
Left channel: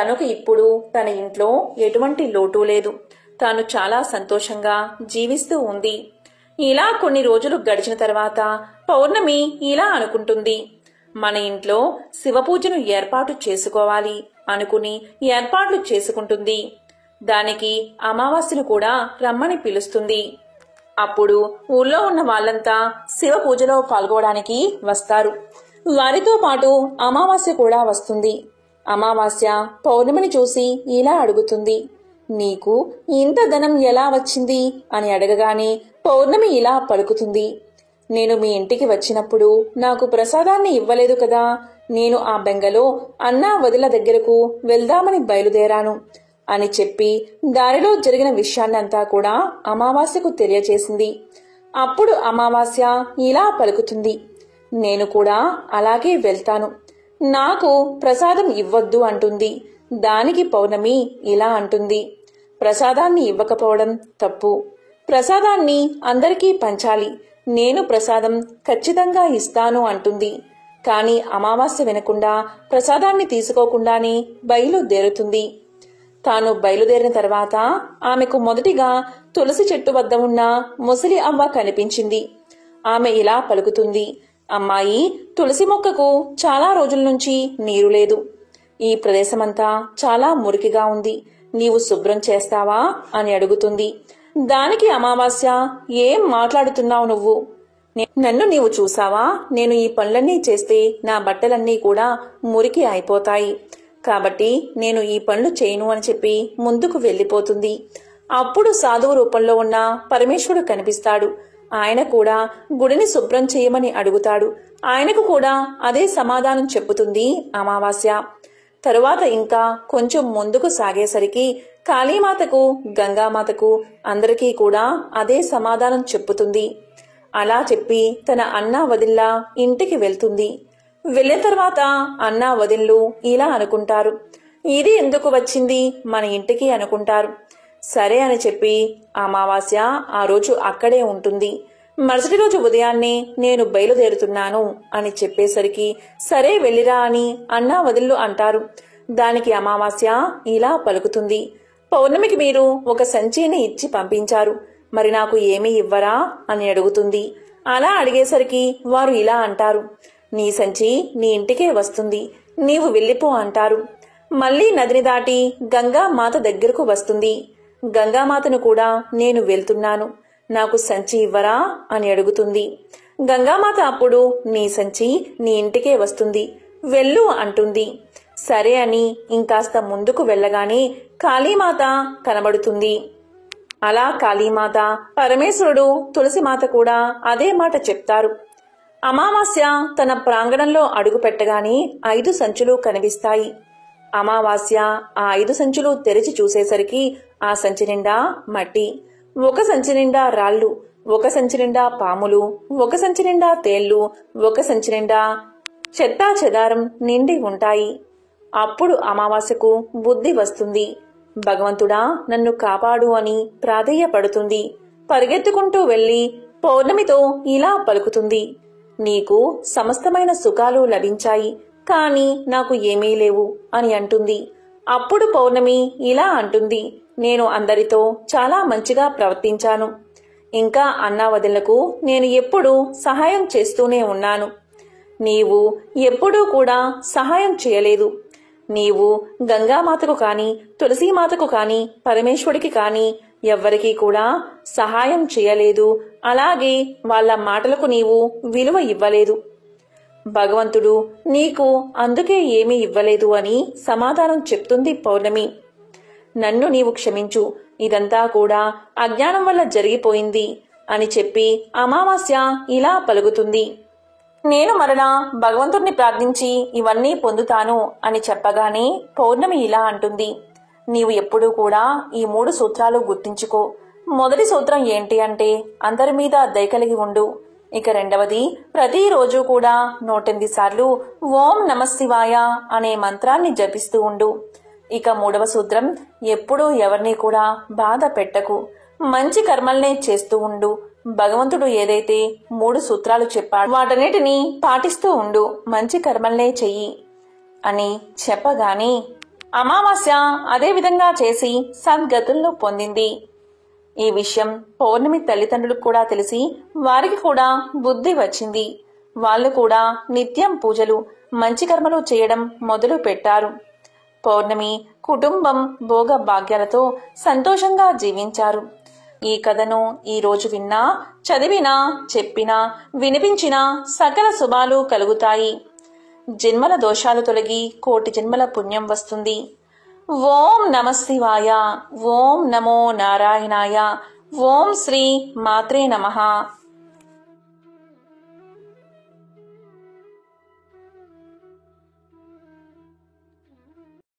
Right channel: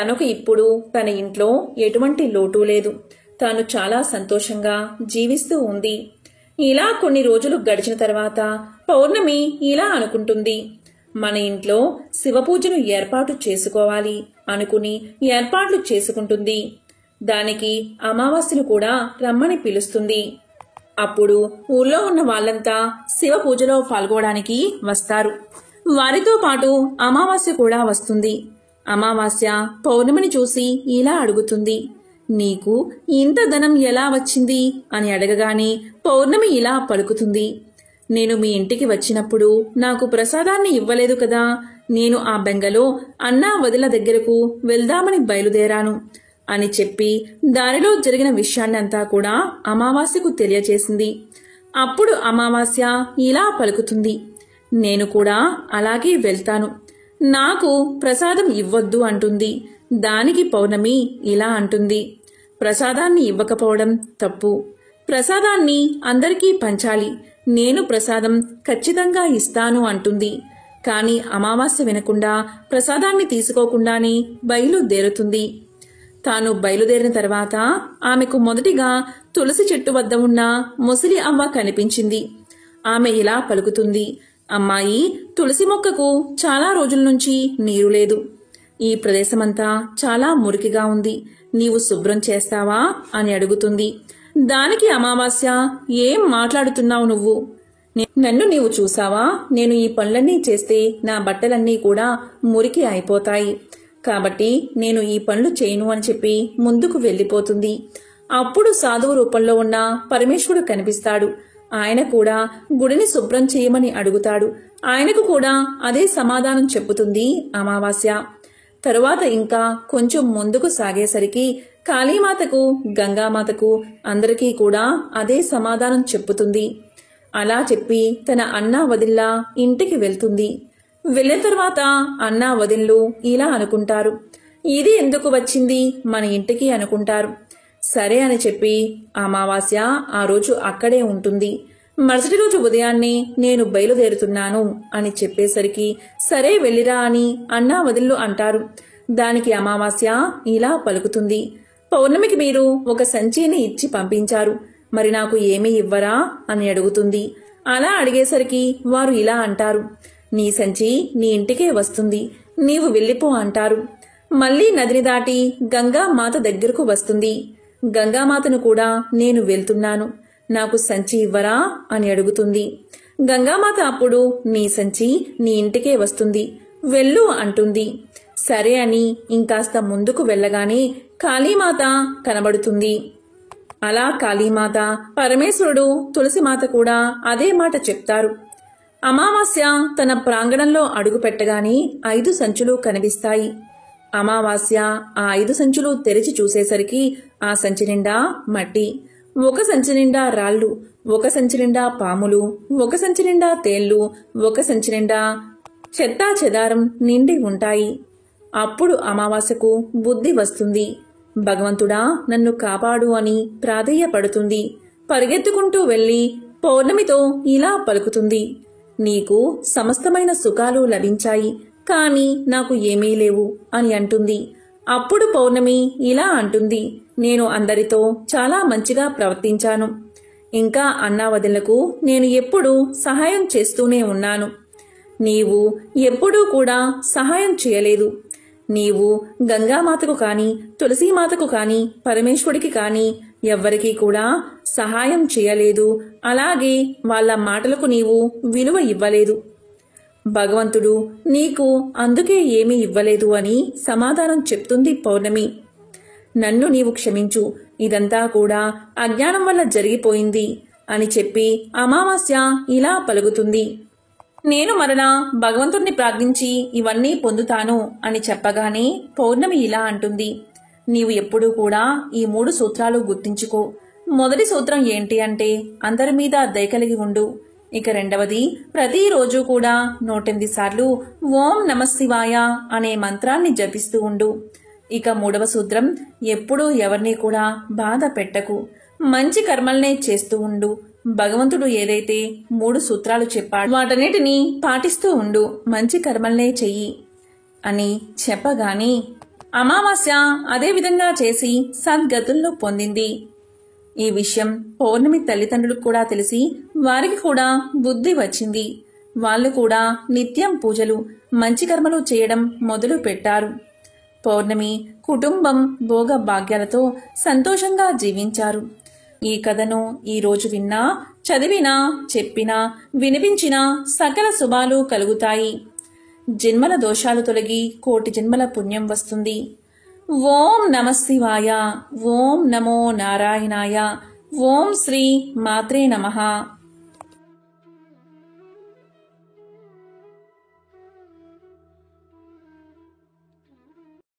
తనకు ఇప్పుడు తన ఇంట్లో ఎటువంటి లోటు లేదు. తాను చాలా సంతోషంగా జీవిస్తూ ఉంది. ఇలా కొన్ని రోజులు గడిచిన తర్వాత పౌర్ణమి ఇలా అనుకుంటుంది. మన ఇంట్లో శివపూజను ఏర్పాటు చేసుకోవాలి అనుకుని ఏర్పాట్లు చేసుకుంటుంది. దానికి అమావాస్యను కూడా రమ్మని పిలుస్తుంది. అప్పుడు ఊళ్ళో ఉన్న వాళ్ళంతా శివ పూజలో పాల్గొనడానికి వస్తారు. వారితో పాటు అమావాస్య కూడా వస్తుంది. అమావాస్య పౌర్ణమిని చూసి ఇలా అడుగుతుంది. నీకు ఇంత ధనం ఎలా వచ్చింది అని అడగగానే పౌర్ణమి ఇలా పలుకుతుంది. నేను మీ ఇంటికి వచ్చినప్పుడు నాకు ప్రసాదాన్ని ఇవ్వలేదు కదా. నేను ఆ బెంగలో అన్నా వదిల దగ్గరకు వెళ్దామని బయలుదేరాను అని చెప్పి దారిలో జరిగిన విషయాన్నంతా కూడా అమావాస్యకు తెలియచేసింది. అప్పుడు అమావాస్య ఇలా పలుకుతుంది. నేను కూడా అలాగే వెళ్తాను. నాకు ప్రసాదం ఇవ్వొద్దు అంటుంది. దానికి పౌర్ణమి ఇలా అంటుంది. ప్రసాదాన్ని ఇవ్వకపోవడం తప్పు. ప్రసాదాన్ని అందరికీ పంచాలి. నేను ప్రసాదం ఖచ్చితంగా ఇస్తాను అంటుంది. కాని అమావాస్య వినకుండా ప్రసాదాన్ని తీసుకోకుండానే బయలుదేరుతుంది. తాను బయలుదేరిన తర్వాత ఆమెకు మొదటిగా తులసి చెట్టు వద్ద ఉన్న ముసలి అవ్వ కనిపించింది. ఆమె ఇలా పలుకుతుంది. అమ్మాయి, తులసి మొక్కకు చాలా రోజుల నుంచి నీరు లేదు. ఈ ప్రదేశమంతా చాలా మురికిగా ఉంది. నీవు శుభ్రం చేస్తావా అని అడుగుతుంది. దానికి అమావాస్య, ఏం మాట్లాడుతున్నావు నువ్వు? నన్ను నీవు చూసావా? నేను ఈ పనులన్నీ చేస్తే నా బట్టలన్నీ కూడా మురికి అయిపోతాయి. కాబట్టి నేను ఈ పనులు చేయను అని చెప్పి ముందుకు వెళ్లిపోతుంది. అప్పుడు సాధువు రూపంలో ఉన్న పరమేశ్వరుడు కనిపిస్తాడు. ఆయన కూడా గుడిని శుభ్రం చేయమని అడుగుతాడు. ఆయనకు కూడా అదే సమాధానం చెప్పుతుంది అమావాస్య. తరువాత ఇంకా కొంచెం ముందుకు సాగేసరికి కాళీమాతకు, గంగామాతకు అందరికీ కూడా అదే సమాధానం చెప్పుతుంది. అలా చెప్పి తన అన్నా వదిల్లా ఇంటికి వెళ్తుంది. వెళ్ళిన తర్వాత అన్నా వదిన్లు ఇలా అనుకుంటారు, ఇది ఎందుకు వచ్చింది మన ఇంటికి అనుకుంటారు. సరే అని చెప్పి అమావాస్య ఆ రోజు అక్కడే ఉంటుంది. మరుసటి రోజు ఉదయాన్నే నేను బయలుదేరుతున్నాను అని చెప్పేసరికి సరే వెళ్ళిరా అని అన్నా వదిన్లు అంటారు. దానికి అమావాస్య ఇలా పలుకుతుంది, పౌర్ణమికి మీరు ఒక సంచిని ఇచ్చి పంపించారు, మరి నాకు ఏమీ ఇవ్వరా అని అడుగుతుంది. అలా అడిగేసరికి వారు ఇలా అంటారు, నీ సంచి నీ ఇంటికే వస్తుంది, నీవు వెళ్ళిపో అంటారు. మళ్లీ నదిని దాటి గంగామాత దగ్గరకు వస్తుంది. గంగామాతను కూడా నేను వెళ్తున్నాను, నాకు సంచి ఇవ్వరా అని అడుగుతుంది. గంగామాత అప్పుడు నీ సంచి నీ ఇంటికే వస్తుంది, వెళ్ళు అంటుంది. సరే అని ఇంకాస్త ముందుకు వెళ్ళగానే కాళీమాత కనబడుతుంది. అలా కాళీమాత, పరమేశ్వరుడు, తులసిమాత కూడా అదే మాట చెప్తారు. అమావాస్య తన ప్రాంగణంలో అడుగు పెట్టగానే 5 సంచులు కనిపిస్తాయి. అమావాస్య ఆ 5 సంచులు తెరిచి చూసేసరికి ఆ సంచి నిండా మట్టి, ఒక సంచి నిండా రాళ్లు, ఒక సంచి నిండా పాములు, ఒక సంచి నిండా తేళ్లు, ఒక సంచి నిండా చెత్తా చెదారం నిండి ఉంటాయి. అప్పుడు అమావాస్యకు బుద్ధి వస్తుంది. భగవంతుడా నన్ను కాపాడు అని ప్రాధేయపడుతుంది. పరిగెత్తుకుంటూ వెళ్లి పౌర్ణమితో ఇలా పలుకుతుంది, నీకు సమస్తమైన సుఖాలు లభించాయి, కాని నాకు ఏమీ లేవు అని అంటుంది. అప్పుడు పౌర్ణమి ఇలా అంటుంది, నేను అందరితో చాలా మంచిగా ప్రవర్తించాను, ఇంకా అన్నా వదినలకు నేను ఎప్పుడూ సహాయం చేస్తూనే ఉన్నాను, నీవు ఎప్పుడూ కూడా సహాయం చేయలేదు. నీవు గంగామాతకు కాని, తులసీమాతకు కాని, పరమేశ్వరుడికి కాని ఎవ్వరికీ కూడా సహాయం చేయలేదు. అలాగే వాళ్ళ మాటలకు నీవు విలువ ఇవ్వలేదు. భగవంతుడు నీకు అందుకే ఏమీ ఇవ్వలేదు అని సమాధానం చెప్తుంది పౌర్ణమి. నన్ను నీవు క్షమించు, ఇదంతా కూడా అజ్ఞానం వల్ల జరిగిపోయింది అని చెప్పి అమావాస్య ఇలా పలుకుతుంది. నేను మరలా భగవంతుణ్ణి ప్రార్థించి ఇవన్నీ పొందుతాను అని చెప్పగానే పౌర్ణమి ఇలా అంటుంది, నీవు ఎప్పుడూ కూడా ఈ 3 సూత్రాలు గుర్తించుకో. మొదటి సూత్రం ఏంటి అంటే అందరి మీద దయ కలిగి ఉండు. ఇక రెండవది, ప్రతిరోజు కూడా 108 సార్లు ఓం నమఃశివాయ అనే మంత్రాన్ని జపిస్తూ ఉండు. ఇక 3వ సూత్రం, ఎప్పుడూ ఎవరిని కూడా బాధ పెట్టకు, మంచి కర్మల్నే చేస్తూ ఉండు. భగవంతుడు ఏదైతే 3 సూత్రాలు చెప్పాడు వాటన్నిటినీ పాటిస్తూ ఉండు, మంచి కర్మల్నే చెయ్యి అని చెప్పగానే అమావాస్య అదే విధంగా చేసి సద్గతులను పొందింది. ఈ విషయం పౌర్ణమి తల్లిదండ్రులకు కూడా తెలిసి వారికి కూడా బుద్ధి వచ్చింది. వాళ్ళు కూడా నిత్యం పూజలు, మంచి కర్మలు చేయడం మొదలు పెట్టారు. పౌర్ణమి కుటుంబం భోగ భాగ్యాలతో సంతోషంగా జీవించారు. ఈ కథను ఈ రోజు విన్నా, చదివినా, చెప్పినా, వినిపించినా సకల శుభాలు కలుగుతాయి. జన్మల దోషాలు తొలగి కోటి జన్మల పుణ్యం వస్తుంది. ఓం నమఃశివాయ, ఓం నమో నారాయణాయ, ఓం శ్రీ మాత్రే నమః.